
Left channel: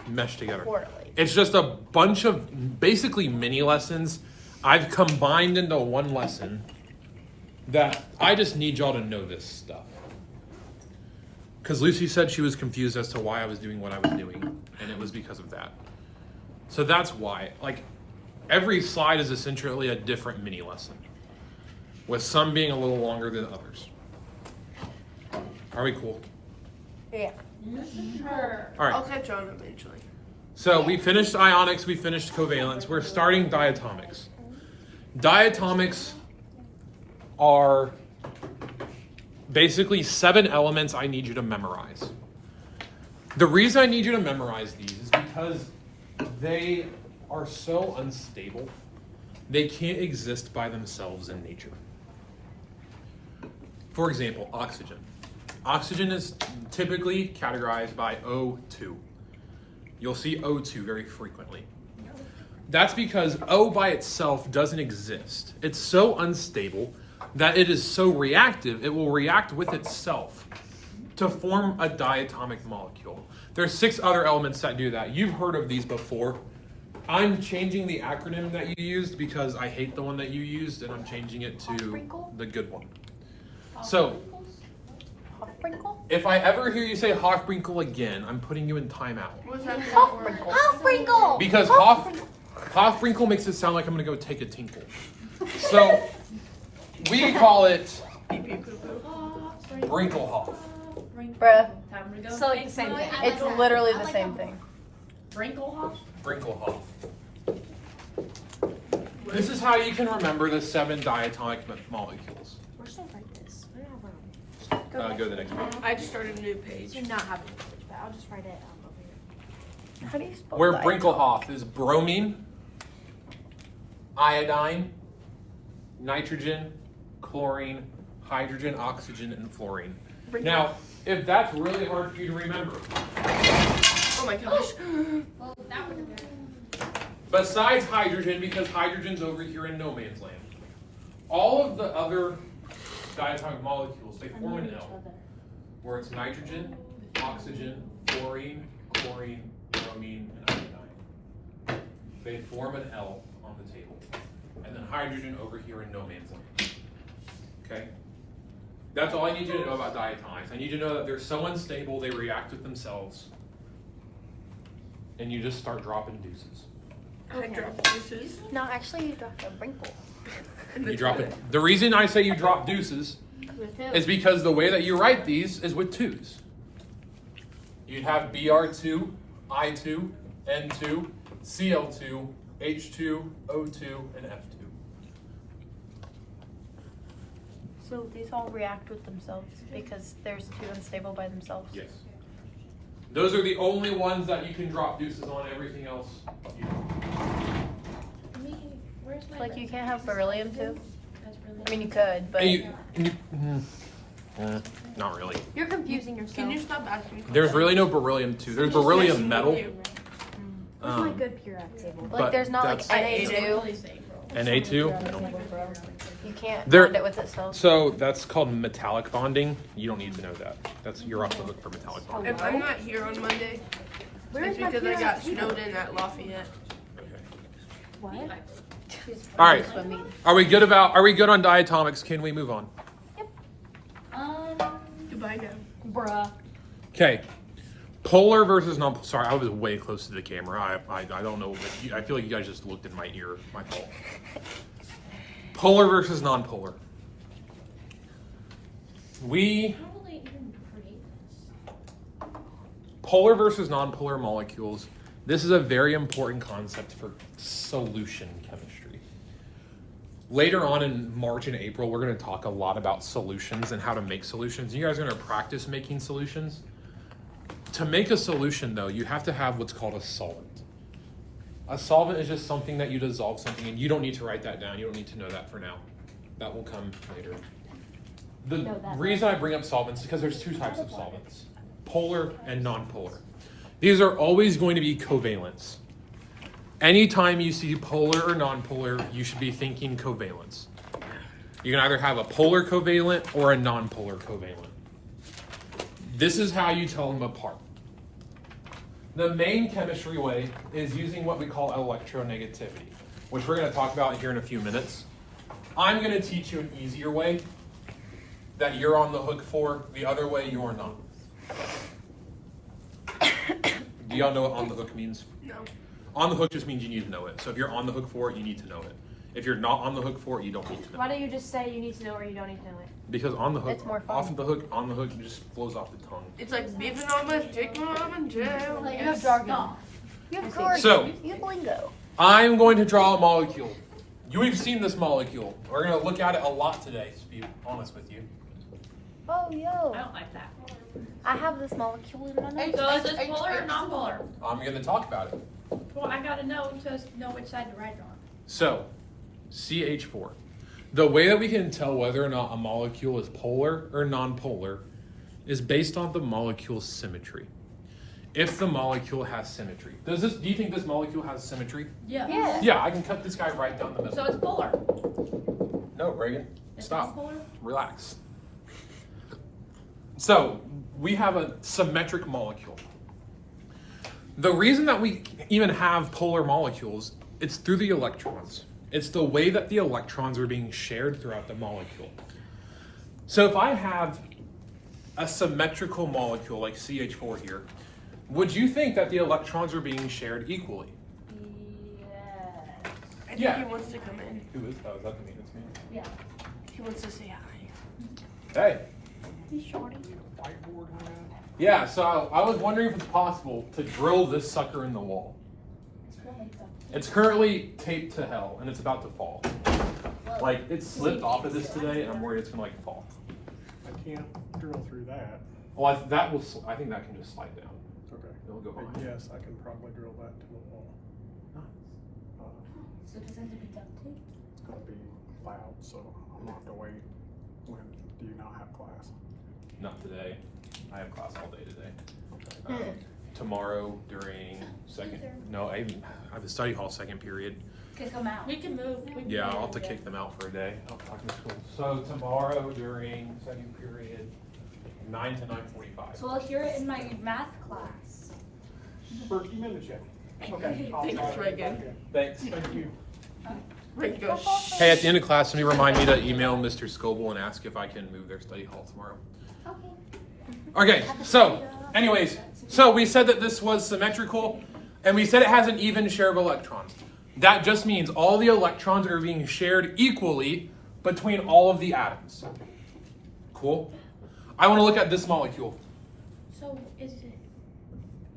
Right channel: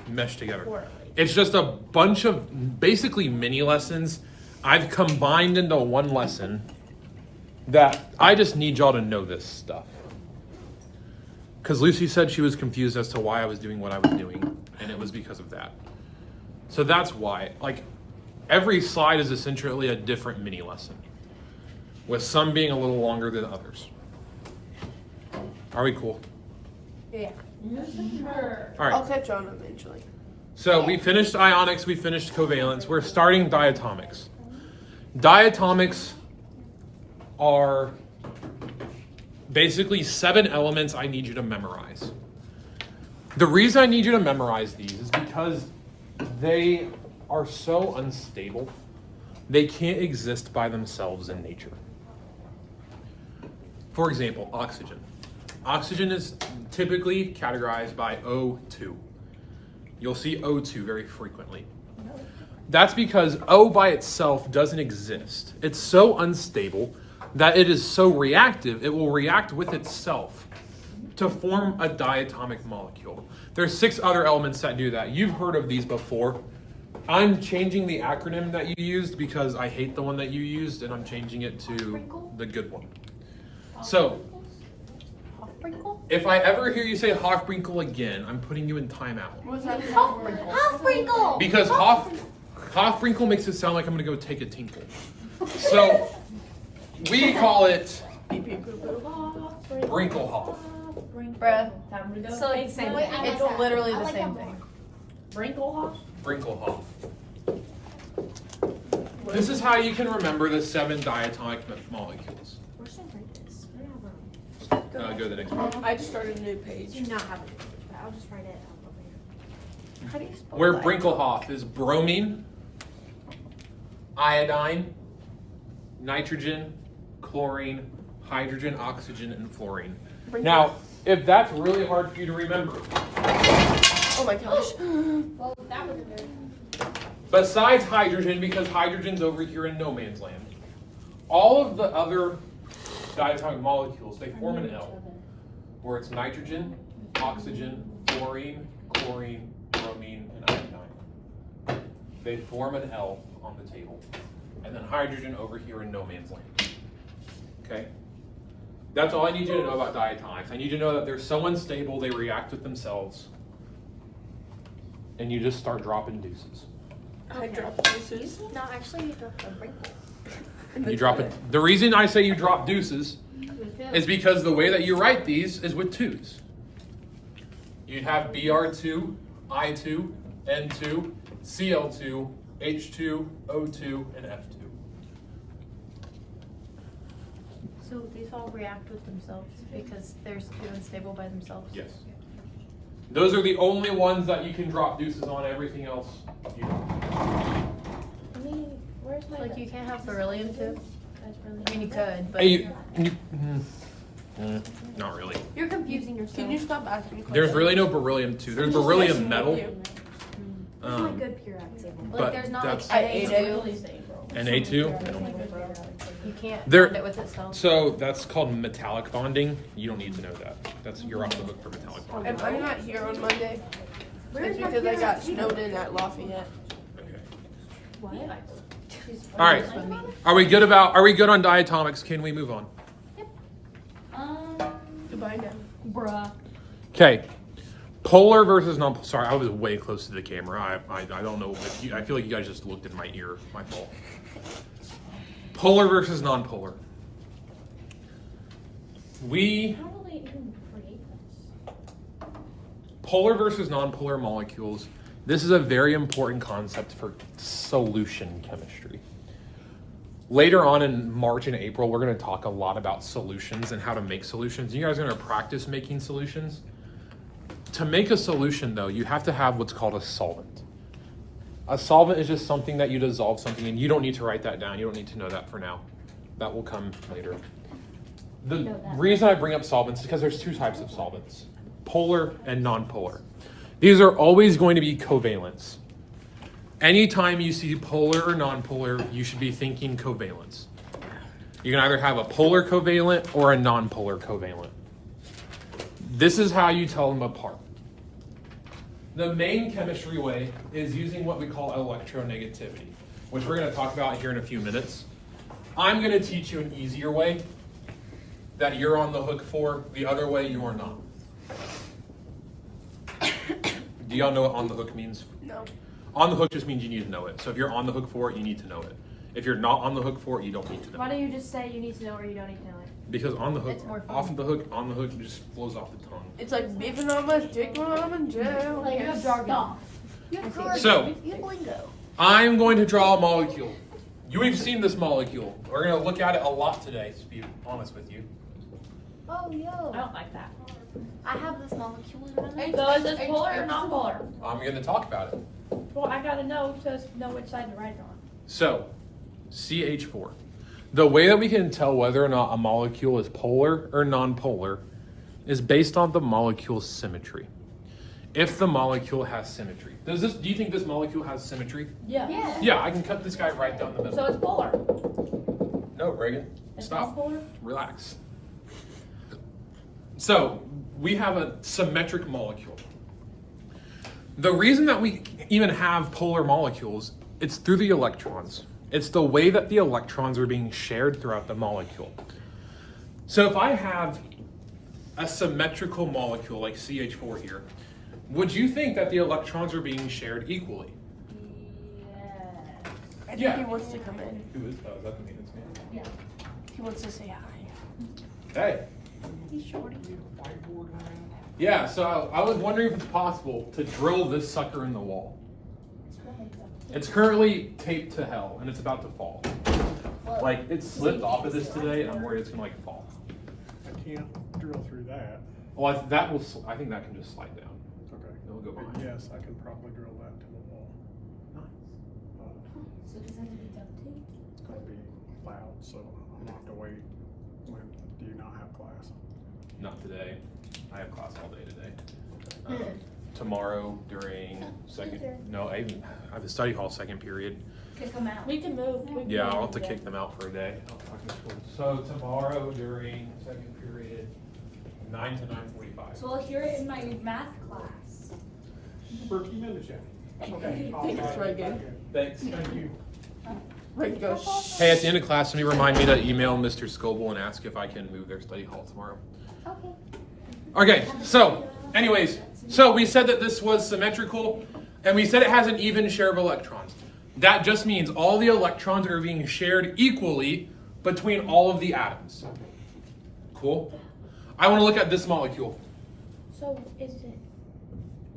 mesh together. It's just a bunch of basically mini lessons I've combined into one lesson that I just need y'all to know this stuff. Because Lucy said she was confused as to why I was doing what I was doing, and it was because of that. So that's why. Like, every slide is essentially a different mini lesson, with some being a little longer than others. Are we cool? Yeah. All right. I'll catch on eventually. So we finished ionics, we finished covalence. We're starting diatomics. Diatomics are basically 7 elements I need you to memorize. The reason I need you to memorize these is because they are so unstable. They can't exist by themselves in nature. For example, oxygen. Oxygen is typically categorized by O2. You'll see O2 very frequently. That's because O by itself doesn't exist. It's so unstable that it is so reactive, it will react with itself to form a diatomic molecule. There's 6 other elements that do that. You've heard of these before. I'm changing the acronym that you used because I hate the one that you used, and I'm changing it to the good one. So, if I ever hear you say Hofbrinkel again, I'm putting you in timeout. What's that? Hofbrinkel. Because Hofbrinkel makes it sound like I'm gonna go take a tinkle. So, we call it Brinkelhof. Bruh, Time to go. So like the same thing. it's literally the same thing. Brinkelhoff? Brinkelhof. This is how you can remember the 7 diatomic molecules. Where's the write this? Go to the next one. I just started a new page. Do not have a page, but I'll just write it over here. How do you spell Where that? Brinkelhof is bromine, iodine, nitrogen, chlorine, hydrogen, oxygen, and fluorine. Now, if that's really hard for you to remember, Oh my gosh. Well, that was a good. besides hydrogen, because hydrogen's over here in no man's land, all of the other diatomic molecules, they form an L, where it's nitrogen, oxygen, fluorine, chlorine, bromine, and iodine. They form an L on the table. And then hydrogen over here in no man's land. Okay? That's all I need you to know about diatomics. I need you to know that they're so unstable they react with themselves. And you just start dropping deuces. I dropped pieces. No, actually, you dropped a Brinkle. You drop it. The reason I say you drop deuces is because the way that you write these is with 2s. You'd have Br2, I2, N2, Cl2, H2, O2, and F2. So these all react with themselves because there's 2 unstable by themselves? Yes. Those are the only ones that you can drop deuces on. Everything else, you don't. I mean, where's my... Like you can't have beryllium too? That's really... I mean, you could, but... Not really. You're confusing yourself. Can you stop asking me questions? There's really no beryllium 2. There's beryllium metal. It's really good periodic table. like but there's not like that's- Na2. Na2? You can't There- bond it with itself. So that's called metallic bonding. You don't need to know that. You're off the hook for metallic bonding. If I'm not here on Monday, Where's it's my because I got periodic snowed in at Lafayette. Okay. What? All right. Are we good on diatomics? Can we move on? Goodbye now. Bruh. Okay. Polar versus non. Sorry, I was way close to the camera. I don't know. If I feel like you guys just looked in my ear. My fault. Polar versus non-polar. How will they even create this? Polar versus non-polar molecules. This is a very important concept for solution chemistry. Later on in March and April, we're going to talk a lot about solutions and how to make solutions. You guys are going to practice making solutions. To make a solution, though, you have to have what's called a solvent. A solvent is just something that you dissolve something in. You don't need to write that down. You don't need to know that for now. That will come later. The reason I bring up solvents is because there's 2 types of solvents, polar and non-polar. These are always going to be covalents. Anytime you see polar or non-polar, you should be thinking covalents. You can either have a polar covalent or a non-polar covalent. This is how you tell them apart. The main chemistry way is using what we call electronegativity, which we're going to talk about here in a few minutes. I'm going to teach you an easier way that you're on the hook for. The other way, you are not. Do y'all know what on the hook means? No. On the hook just means you need to know it. So if you're on the hook for it, you need to know it. If you're not on the hook for it, you don't need to know Why it. don't you just say you need to know or you don't need to know it? Because on the hook, It's more fun. off the hook, on the hook, it just flows off the tongue. It's like beeping on my dick when I'm in jail. You have jargon. You have jargon. So- You have lingo. I'm going to draw a molecule. You've seen this molecule. We're going to look at it a lot today, to be honest with you. Oh, I yo. don't like that. I have this molecule in my nose. So is this polar or non-polar? I'm going to talk about it. Well, I gotta know to know which side to write it on. So, CH4. The way that we can tell whether or not a molecule is polar or non-polar is based on the molecule's symmetry. If the molecule has symmetry. Do you think this molecule has symmetry? Yeah. Yeah. Yeah, I can cut this guy right down the middle. So it's polar. No, Reagan, It's stop. non-polar? The reason that we even have polar molecules, it's through the electrons. It's the way that the electrons are being shared throughout the molecule. So if I have a symmetrical molecule like CH4 here, would you think that the electrons are being shared equally? I think he wants to come in. Who is? Oh, is that me? That's me. Yeah. He wants to say hi. Hey. He's shorty. Yeah, so I was wondering if it's possible to drill this sucker in the wall. It's currently taped to hell, and it's about to fall. Like, it slipped off of this today, and I'm worried it's gonna like fall. I can't drill through that. Well, I think that can just slide down. Okay. It'll go But behind. yes, I can probably drill that to the wall. So does that have to be done too? It's gonna be loud, so I'm gonna have to wait. When do you not have class? Not today. I have class all day today. Tomorrow during I have the study hall second period. Kick them out. We can move. Yeah, I'll have to kick them out for a day. I'll talk to school. So tomorrow during second period, 9 to 9:45. So I'll hear it in my math class. We're keeping in the chat. Okay. Thanks, Reagan. Thanks. Thank you. Reagan goes, shh. Hey, at the end of class, let me remind me to email Mr. Scoble and ask if I can move their study hall tomorrow. Okay, so anyways, so we said that this was symmetrical, and we said it has an even share of electrons. That just means all the electrons are being shared equally between all of the atoms. Cool? I want to look at this molecule. So is it?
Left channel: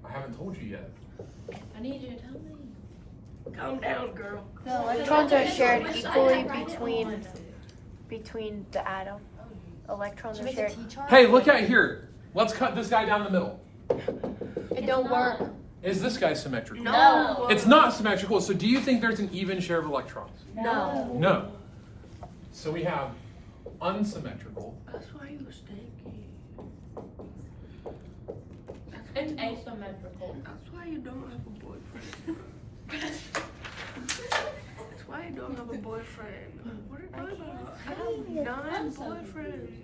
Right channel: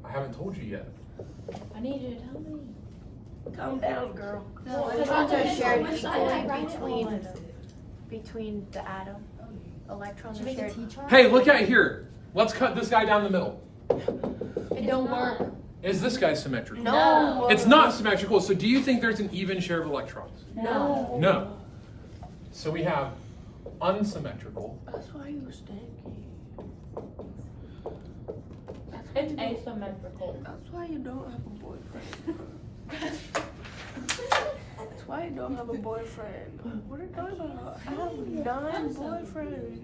I haven't told you yet. I need you to tell me. Calm down, girl. The electrons are shared equally between the atom. Electrons are shared. Hey, look at here. Let's cut this guy down the middle. It don't work. Is this guy symmetrical? No. It's not symmetrical, so do you think there's an even share of electrons? No. No. So we have unsymmetrical. That's why you stinky. It's asymmetrical. That's why you don't have a boyfriend. That's why you don't have a boyfriend. What are you talking about? I have 9 boyfriends.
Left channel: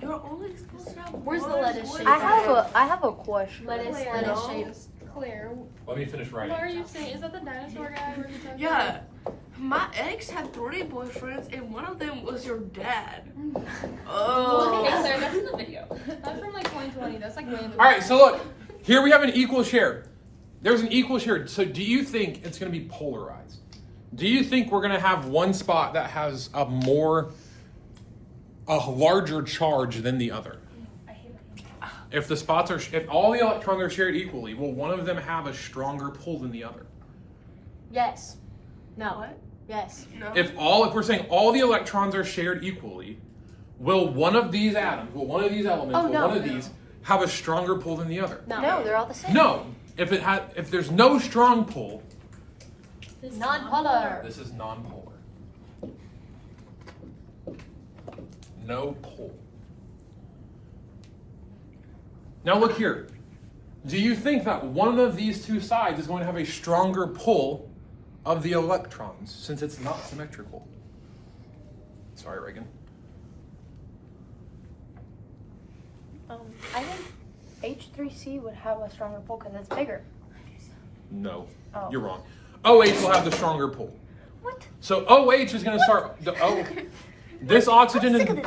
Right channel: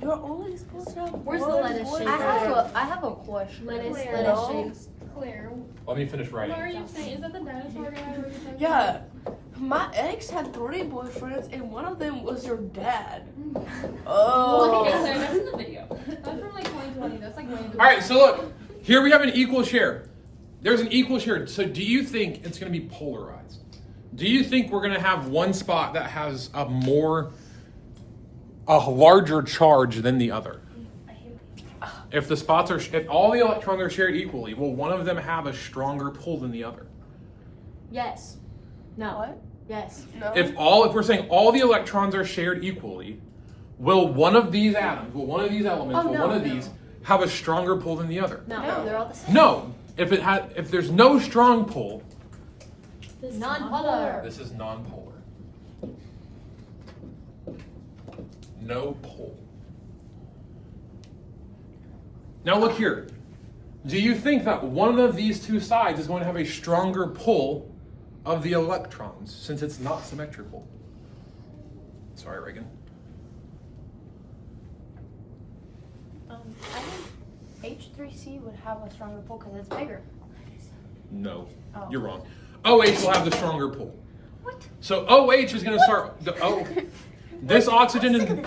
You're only supposed to have Where's the one lettuce shape? boyfriend. I have a question. Lettuce No. shapes. Claire, Let me finish what are writing. you saying? Is that the dinosaur guy? Or is that- Yeah, my ex had 3 boyfriends, and one of them was your dad. Oh. Okay, so that's in the video. That's from like 2020. That's like random. All right, so look, here we have an equal share. There's an equal share. So do you think it's going to be polarized? Do you think we're going to have one spot that has a larger charge than the other? If the spots are, if all the electrons are shared equally, will one of them have a stronger pull than the other? Yes. No. What? Yes. No. If we're saying all the electrons are shared equally, will one of these atoms, will one of these elements, will one of these have a stronger pull than the other? No, they're all the same. No. If there's no strong pull, Non-polar. this is non-polar. No pull. Now look here. Do you think that one of these two sides is going to have a stronger pull of the electrons since it's not symmetrical? Sorry, Reagan. I think H3C would have a stronger pull because it's bigger. No, Oh. you're wrong. OH will have the stronger pull. What? So OH is going to start this oxygen and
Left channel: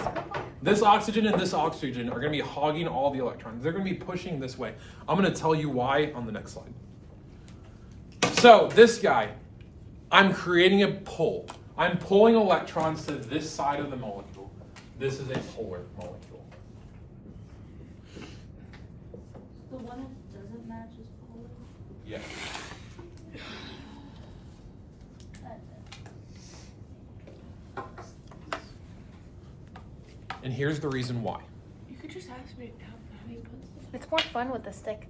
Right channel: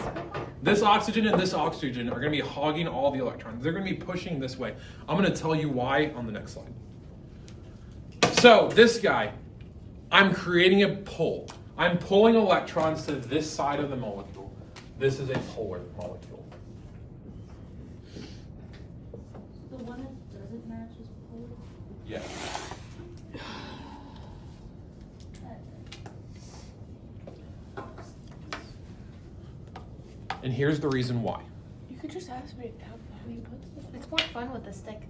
this oxygen and this oxygen are going to be hogging all the electrons. They're going to be pushing this way. I'm going to tell you why on the next slide. So this guy, I'm creating a pull. I'm pulling electrons to this side of the molecule. This is a polar molecule. The one that doesn't match is blue. Yeah. And here's the reason why. You could just ask me how you put stuff. It's more fun with a stick.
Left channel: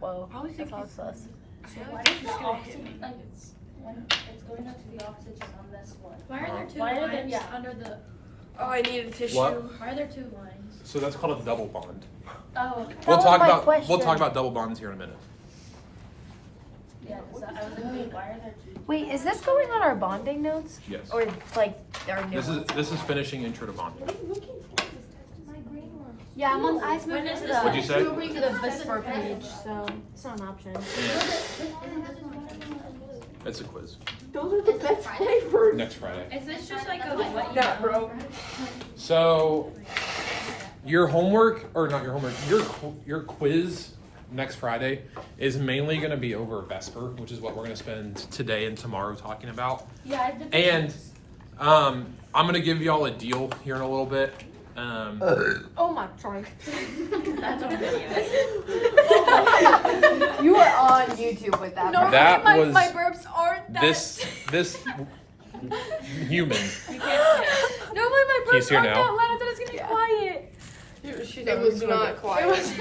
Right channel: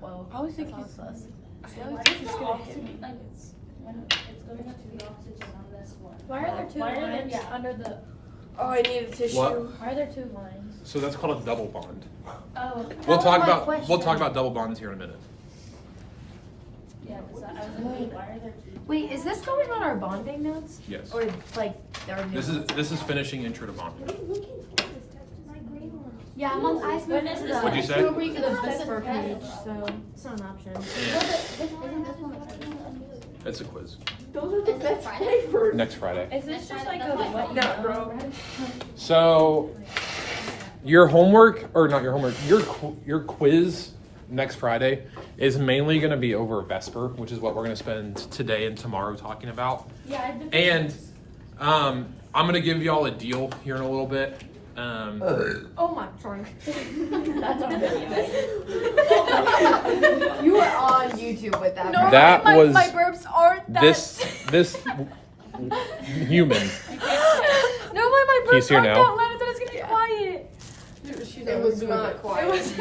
Whoa. I always think that's all sus. I always think it's gonna hit me. It's going up to the oxygen on this one. Why are there two lines under the? Oh, I need a tissue. What? Why are there 2 lines? So that's called a double bond. Oh, We'll was talk my about question. we'll talk about double bonds here in a minute. yeah. Because I was like, wait, why are there 2? Wait, is this going on our bonding notes? Yes. Or like our new This is finishing intro to bonding. Yeah, I'm on ice. When is this? What'd you say? To the Vesper page, so it's not an option. It's a quiz. Those are the best papers. Next Friday. Is this just like a what you know? So, your homework, or not your homework, your quiz next Friday is mainly going to be over Vesper, which is what we're going to spend today and tomorrow talking about. Yeah, I've been. And I'm going to give y'all a deal here in a little bit. Oh my, sorry. That's on video. You were on YouTube with that. Normally That my, was my burps aren't that. this human. Normally my He's burps here aren't now. that loud, so it's gonna be quiet. It was not quiet.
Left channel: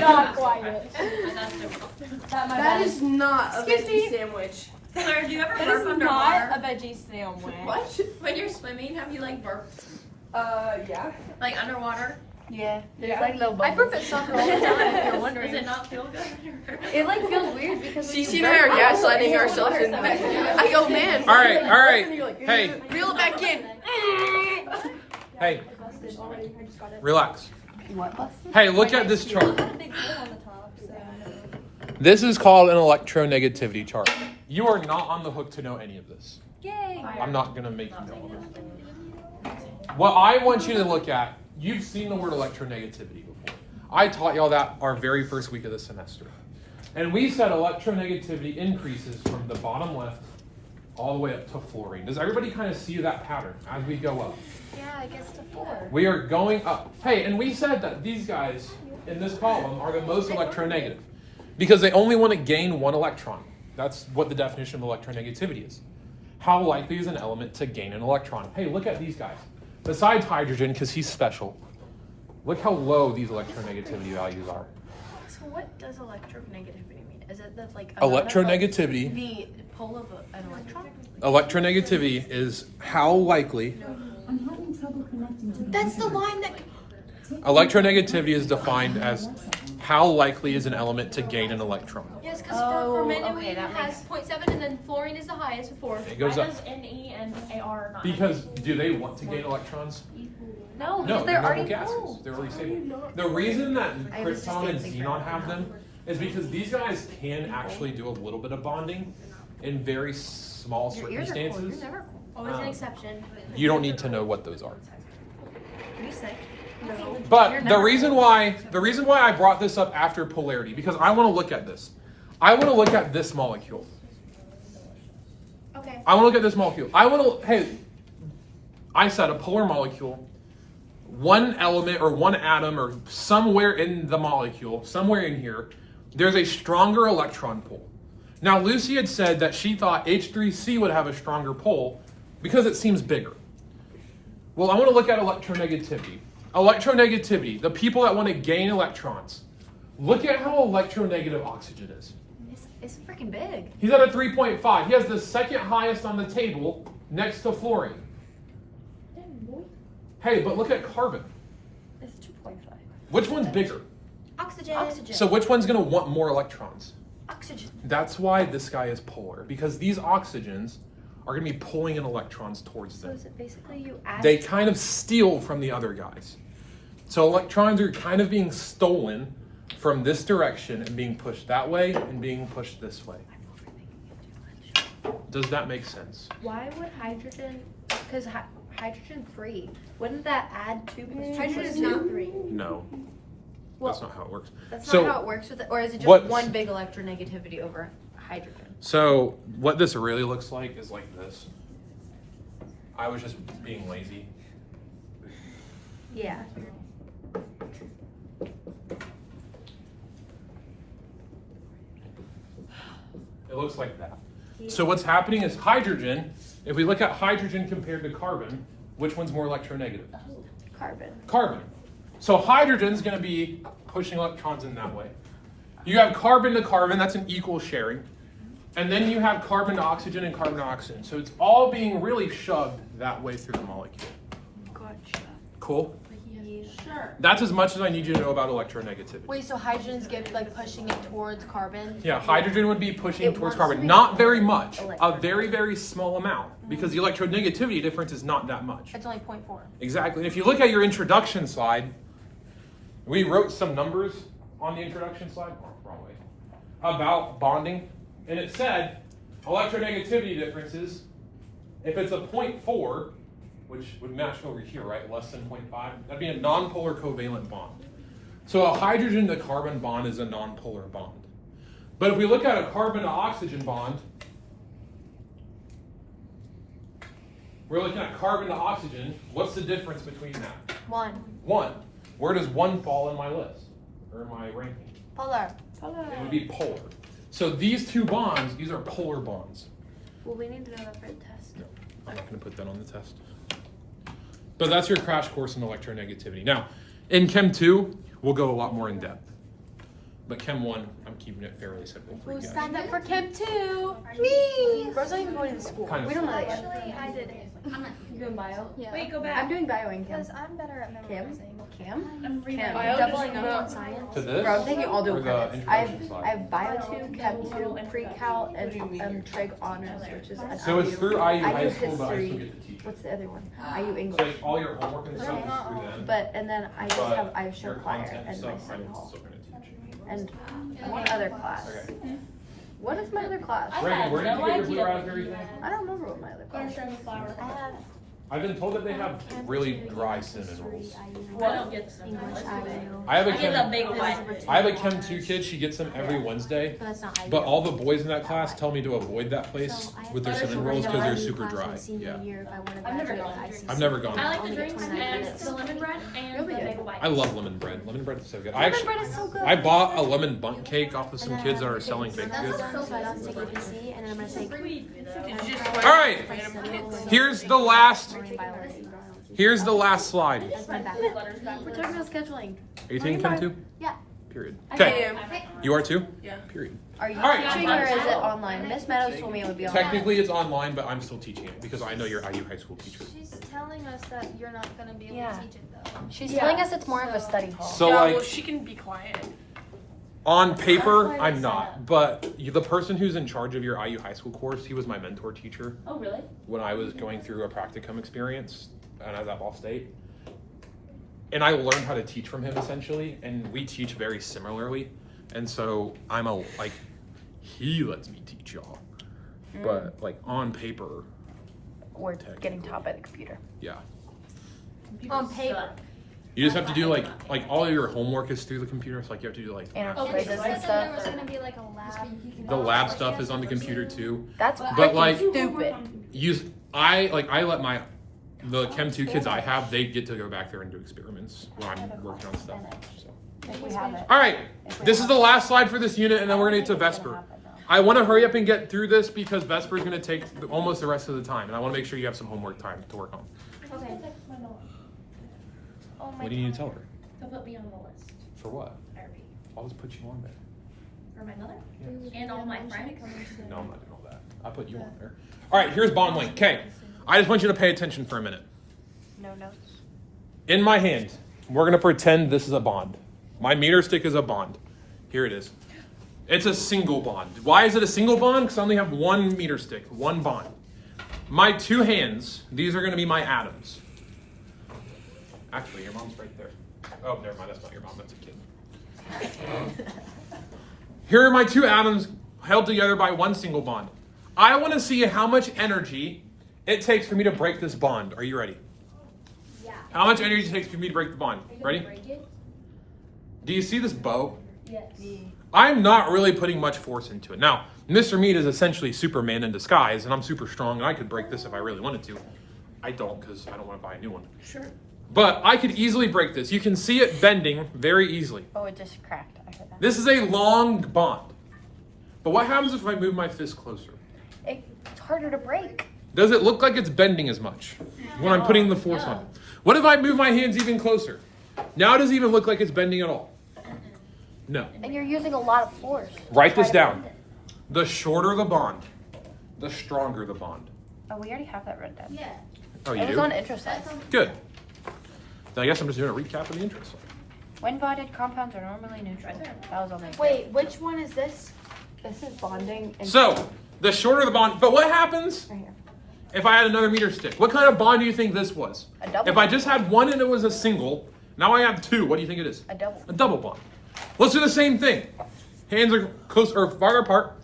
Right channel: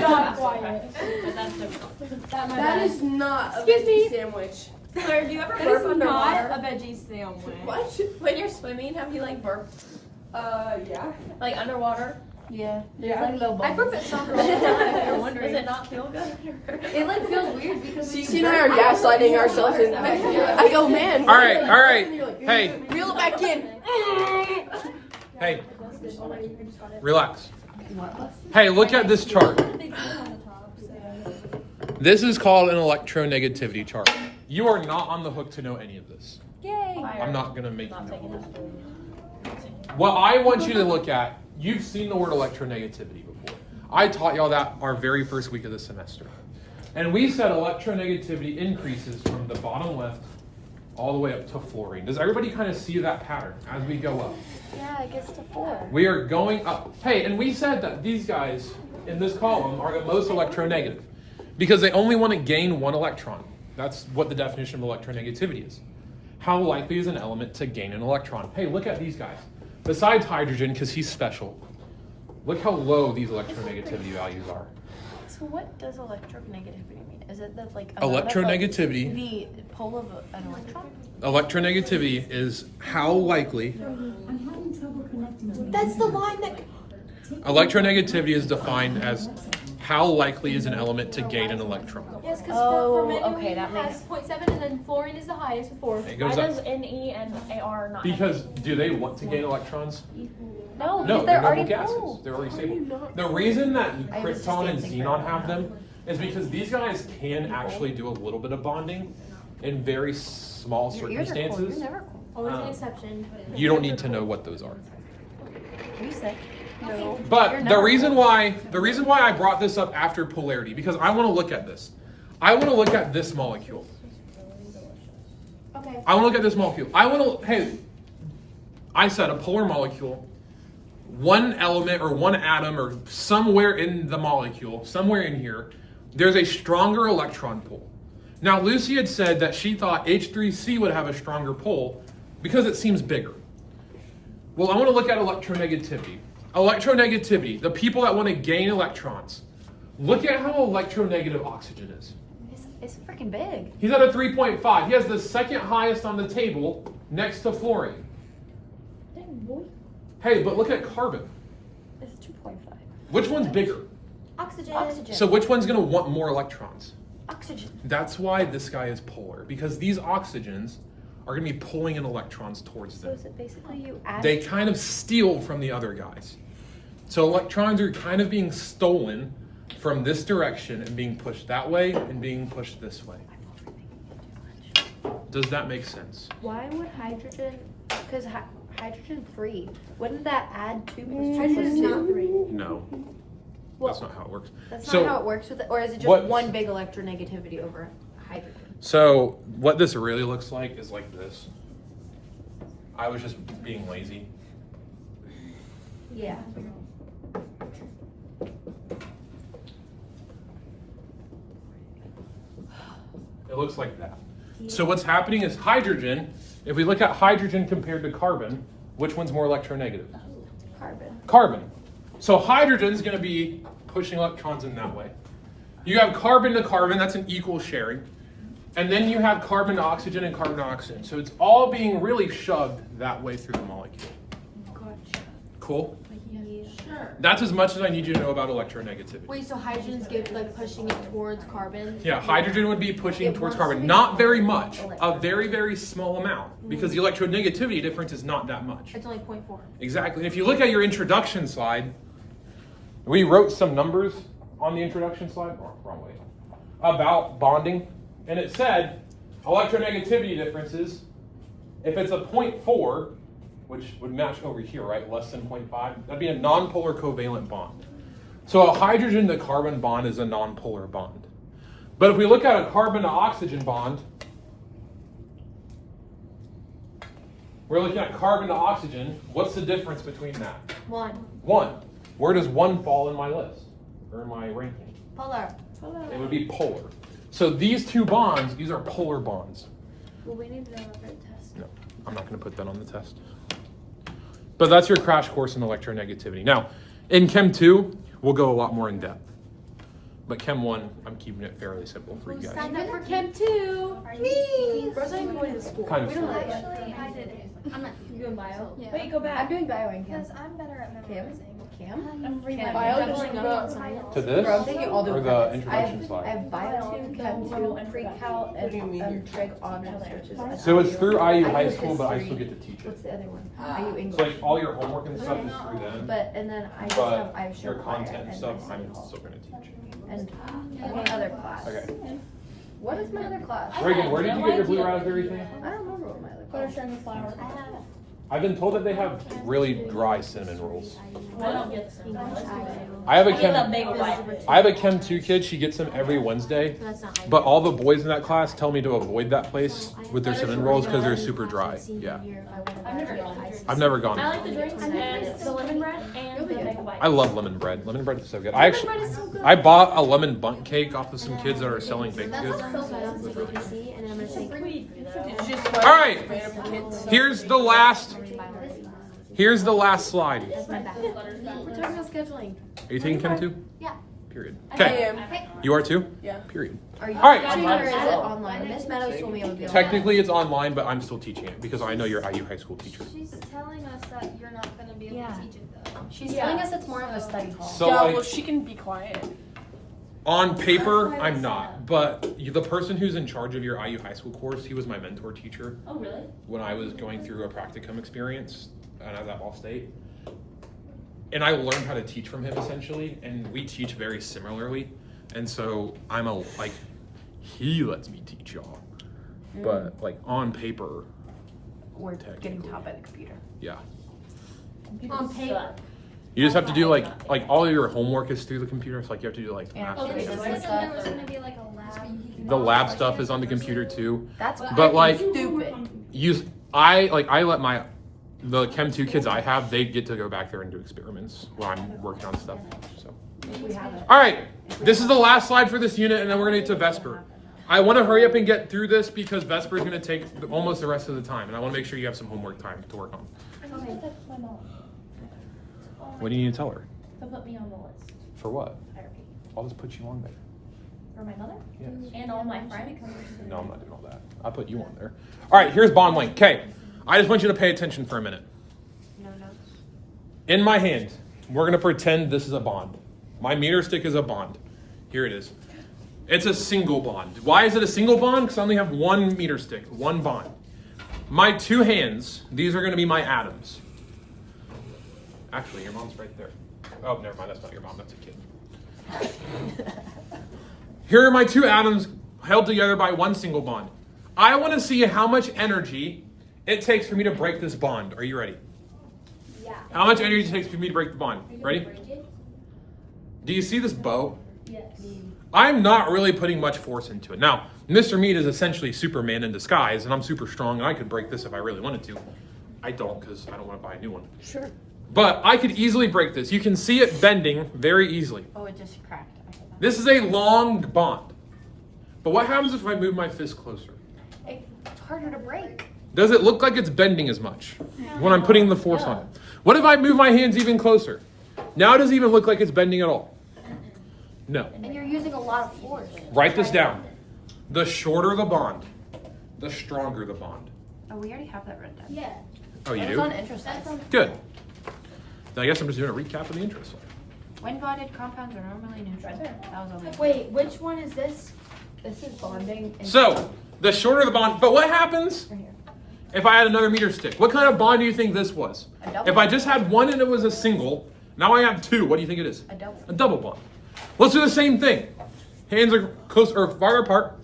Not quiet. But that's different. That is not a Excuse me. veggie sandwich. Claire, do you ever It burp is underwater? not a veggie sandwich. What? When you're swimming, have you like burped Yeah. like underwater? Yeah. There's like no I bubbles. burp at soccer all the time, if you're Does wondering. it not feel good? It like feels weird because Cece and I are gaslighting ourselves in the back. I go, man. All right. Hey, Reel it back in. hey, relax. Hey, look at this chart. This is called an electronegativity chart. You are not on the hook to know any of this. yay. I'm not gonna make you know all this. What I want you to look at, you've seen the word electronegativity before. I taught y'all that our very first week of the semester. And we said electronegativity increases from the bottom left all the way up to fluorine. Does everybody kind of see that pattern as we go up? Yeah, it gets to 4. We are going up. Hey, and we said that these guys in this column are the most electronegative because they only want to gain 1 electron. That's what the definition of electronegativity is. How likely is an element to gain an electron? Hey, look at these guys. Besides hydrogen, because he's special, look how low these electronegativity values are. So what does electronegativity mean? Is it the like Electronegativity, the pole of an electron? electronegativity is how likely, That's the line that. electronegativity is defined as how likely is an element to gain an electron. Yes, because Oh, for men okay, that has makes- 0.7 and then fluorine is the highest with 4. It Why goes up. does NE and AR not? Because do they want to gain electrons? No, No, because they're noble already gases. full. They're already stable. The reason that I was just krypton and dancing. xenon have them is because these guys can actually do a little bit of bonding in very small Your ears are cold. circumstances. You're never cold. Always Um, an exception. You don't need to know what those are. Are you sick? But the reason why I brought this up after polarity, because I want to look at this. I want to look at this molecule. Okay. I want to look at this molecule. Hey, I said a polar molecule, one element or one atom or somewhere in the molecule, somewhere in here, there's a stronger electron pull. Now, Lucy had said that she thought H3C would have a stronger pull because it seems bigger. Well, I want to look at electronegativity. Electronegativity, the people that want to gain electrons. Look at how electronegative oxygen is. It's freaking big. He's at a 3.5. He has the second highest on the table next to fluorine. Hey, but look at carbon. It's 2.5. Which one's bigger? Oxygen. Oxygen. So which one's going to want more electrons? Oxygen. That's why this guy is polar, because these oxygens are going to be pulling in electrons towards So them. is it basically you add? They kind of steal from the other guys. So electrons are kind of being stolen from this direction and being pushed that way and being pushed this way. Does that make sense? Why would hydrogen? Because hydrogen 3. Wouldn't that add 2? Hydrogen is not 3. No. Well, That's not how it works. That's So- not how it works with it, or is it just What- one big electronegativity over hydrogen? So what this really looks like is like this. I was just being lazy. Yeah. It looks like that. So what's happening is hydrogen, if we look at hydrogen compared to carbon, which one's more electronegative? Carbon. Carbon. So hydrogen's going to be pushing electrons in that way. You have carbon to carbon, that's an equal sharing. And then you have carbon to oxygen and carbon to oxygen. So it's all being really shoved that way through the molecule. Gotcha. Cool? Yeah. Sure. That's as much as I need you to know about electronegativity. Wait, so hydrogen's get like pushing it towards carbon? Yeah, hydrogen would be pushing It towards wants carbon. to be Not very much. A electron. very, very small amount. Because the electronegativity difference is not that much. It's only 0.4. Exactly. And if you look at your introduction slide, We wrote some numbers on the introduction slide, or wrong way, about bonding, and it said electronegativity differences, if it's a 0.4, which would match over here, right, less than 0.5, that'd be a nonpolar covalent bond. So a hydrogen to carbon bond is a nonpolar bond. But if we look at a carbon to oxygen bond, we're looking at carbon to oxygen. What's the difference between that? 1. 1. Where does 1 fall in my list, or in my ranking? Polar. It would be polar. So these two bonds, these are polar bonds. Well, we need to know that for the test. No, I'm not going to put that on the test. But that's your crash course in electronegativity. Now, in Chem 2, we'll go a lot more in depth. But Chem 1, I'm keeping it fairly simple for you guys. Signed up for Chem 2. Me! Bro's not even going to school. Kind of We don't know that. Actually, I did it. I'm not. You doing bio? Yeah. Wait, go back. I'm doing bio and chem. Because I'm better at Chem? memorizing. Chem? I'm reading Chem. Bio double doesn't notes know. on science. To this? Bro, I'm taking all the Or the credits. introduction slide? I have bio 2, chem 2, pre-cal, and trig honors, which is So it's through IU High IU School, but I still history. get to teach it. What's the other one? IU So English. all your homework and stuff is through them. But, and then I just have, I have show your choir content and stuff, my study I'm hall. still going to teach. And one other class. Okay. What is my other class? Reagan, where did you get your blue raspberry thing? I don't remember what my other Quarter class string flour. I have I've been told that they have really dry cinnamon rolls. I don't get some. I have a I get a Chem, big one. I have a Chem 2 kid, she gets them every Wednesday. That's not my But all the boys in that class tell me to avoid that place with their cinnamon rolls because they're super dry. Yeah. I've never gone. I've never gone. I like the drinks and the lemon bread and the bagel bites. I love lemon bread. Lemon bread is so good. I Lemon actually, bread is so good. I bought a lemon bundt cake off of some kids that are selling baked goods. All right, here's the last slide. We're talking about scheduling. Are you taking Chem 2? Yeah. Period. I Okay, am. you are too? Yeah. Period. Are you All right. teaching or is it online? Miss Meadows told me it would be online. Technically it's online, but I'm still teaching it because I know you're IU high school teacher. She's telling us that you're not going to be able Yeah. to teach it though. She's telling us it's more of a study hall. So Yeah, like, well, she can be quiet. on paper, I'm not, but the person who's in charge of your IU high school course, he was my mentor teacher Oh, really? when I was going through a practicum experience and I was at Ball State. And I learned how to teach from him essentially, and we teach very similarly. And so he lets me teach y'all. But like on paper, Or getting technically. taught by the computer. yeah. On paper. You just have to do like all of your homework is through the computer. Like you have to do like And our math. quizzes and There stuff. was going to be like a lab. The lab stuff is on the computer too. That's But, freaking like- stupid. I let the Chem 2 kids I have, they get to go back there and do experiments where I'm working on stuff. So. If we have it. All right, this is the last slide for this unit, and then we're gonna get to Vesper. I want to hurry up and get through this because Vesper is gonna take almost the rest of the time, and I want to make sure you have some homework time to work on. Okay. Text my mom. Oh my What do you need to tell her? To put me on the list. For what? I repeat. I'll just put you on there. For my mother? Yes. And all my friends? No, I'm not doing all that. I'll put you on there. All right, here's bond length. Okay, I just want you to pay attention for a minute. No notes. In my hand, we're gonna pretend this is a bond. My meter stick is a bond. Here it is. It's a single bond. Why is it a single bond? Because I only have one meter stick, one bond. My two hands, these are gonna be my atoms. Actually, your mom's right there. Oh, never mind, that's not your mom, that's a kid. Here are my two atoms held together by one single bond. I wanna see how much energy it takes for me to break this bond. Are you ready? How much energy it takes for me to break the bond? Ready? Do you see this bow? Yes. I'm not really putting much force into it. Now, Mr. Meat is essentially Superman in disguise, and I'm super strong, and I could break this if I really wanted to. I don't, because I don't want to buy a new one. Sure. But I could easily break this. You can see it bending very easily. Oh, it just cracked. I heard that. This is a long bond. But what happens if I move my fist closer? It's harder to break. Does it look like it's bending as much when I'm putting the force on it? What if I move my hands even closer? Now it doesn't even look like it's bending at all. No. And you're using a lot of force. Write this down. The shorter the bond, the stronger the bond. Oh, we already have that written down. Yeah. Oh, you It was do? on interest slides. Good. Then I guess I'm just doing a recap of the interest slide. When bonded, compounds are normally neutral. That was on the. Wait, which one is this? This is bonding. And So, the shorter the bond, but what happens Right here. if I had another meter stick? What kind of bond do you think this was? A double. If I just had one and it was a single, Now I have two. What do you think it is? A double. A double bond. Let's do the same thing. Hands are close or far apart.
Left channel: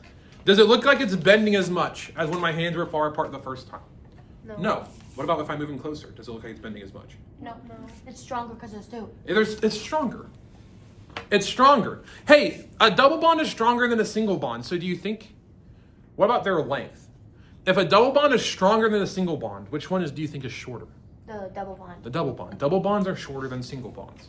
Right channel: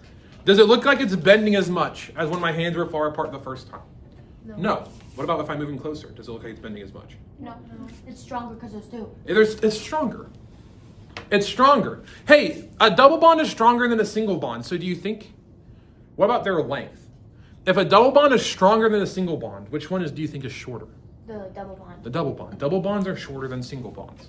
Does it look like it's bending as much as when my hands were far apart the first time? No. What about if I move them closer? Does it look like it's bending as much? No, it's stronger because there's two. It's stronger. It's stronger. Hey, a double bond is stronger than a single bond. So do you think, what about their length? If a double bond is stronger than a single bond, which one do you think is shorter? The double bond. The double bond. Double bonds are shorter than single bonds.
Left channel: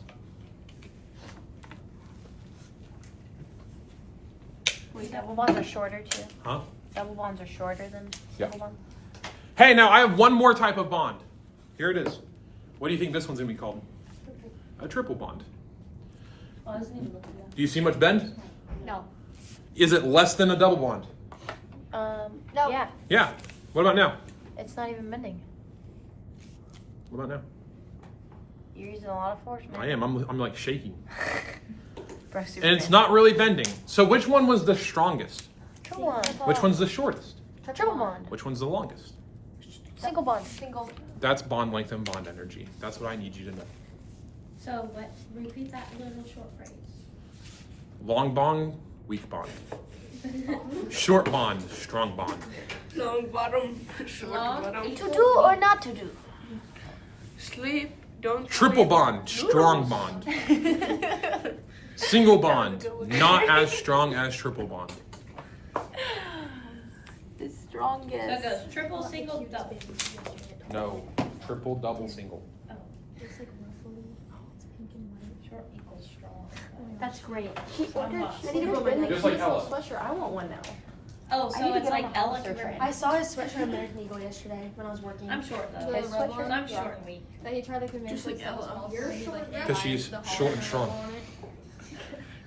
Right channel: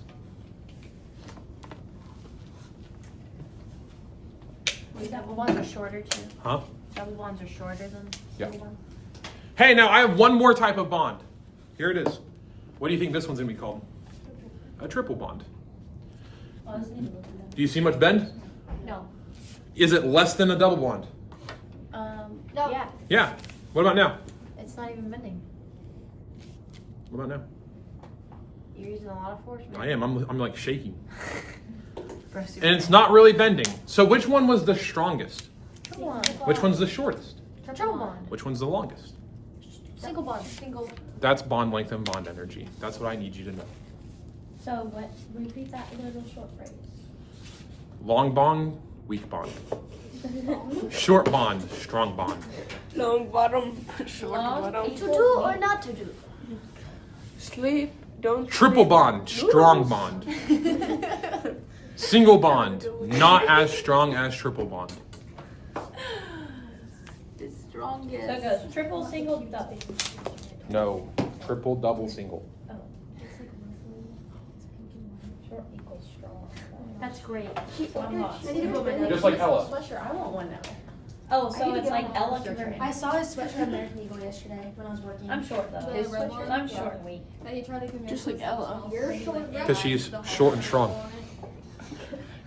Wait, double bonds are shorter too. Huh? Double bonds are shorter than Yeah. single bonds. Hey, now I have one more type of bond. Here it is. What do you think this one's gonna be called? A triple bond. Do you see much bend? No. Is it less than a double bond? No. Yeah, Yeah. What about now? it's not even bending. What about now? You're using a lot of force. I am. I'm like shaking. Press your And it's not really bending. So which one was the strongest? triple bond. Which one's the shortest? Triple bond. Which one's the longest? Single bond. Single. That's bond length and bond energy. That's what I need you to know. So what? Repeat that little short phrase. Long bond, weak bond. Short bond, strong bond. Long bottom, short Long, bottom. To do or not to do? Sleep, don't Triple sleep. bond, strong bond. Single bond, not as strong as triple bond. The So strongest. it goes triple, single, double. No, triple, double, single. Short equals strong. That's great. I'm lost. I need to put my Just like Ella. Sweatshirt. I want one now. Oh, I need so to it's get like on my Ella holster can train. I saw his sweatshirt American Eagle yesterday when I was working. I'm short though. His sweatshirt? I'm short and weak. And he tried to convince Just like me Ella. You're short. Because she's short and strong.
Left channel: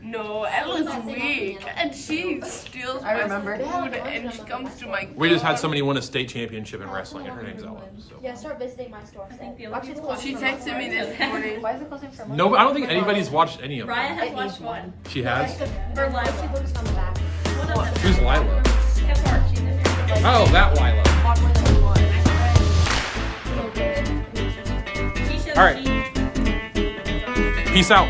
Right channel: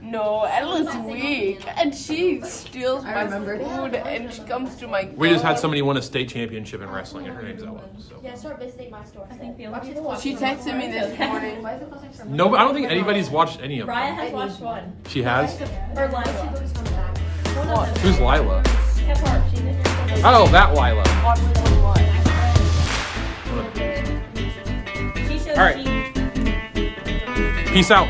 No, Ella's weak, and she steals I my remember. food, and she comes to my. We just had somebody win a state championship in wrestling, and her name's Ella. So Yeah, start visiting my store. I think the Watch only his people- vlog. She texted me this morning. Why is it costing so much? no, I don't think anybody's watched any of Ryan them. has watched one. She has. Or Lila. Who's Lila? That's hard. She did. Oh, that Lila. Watch one. She showed All right. she- Peace out.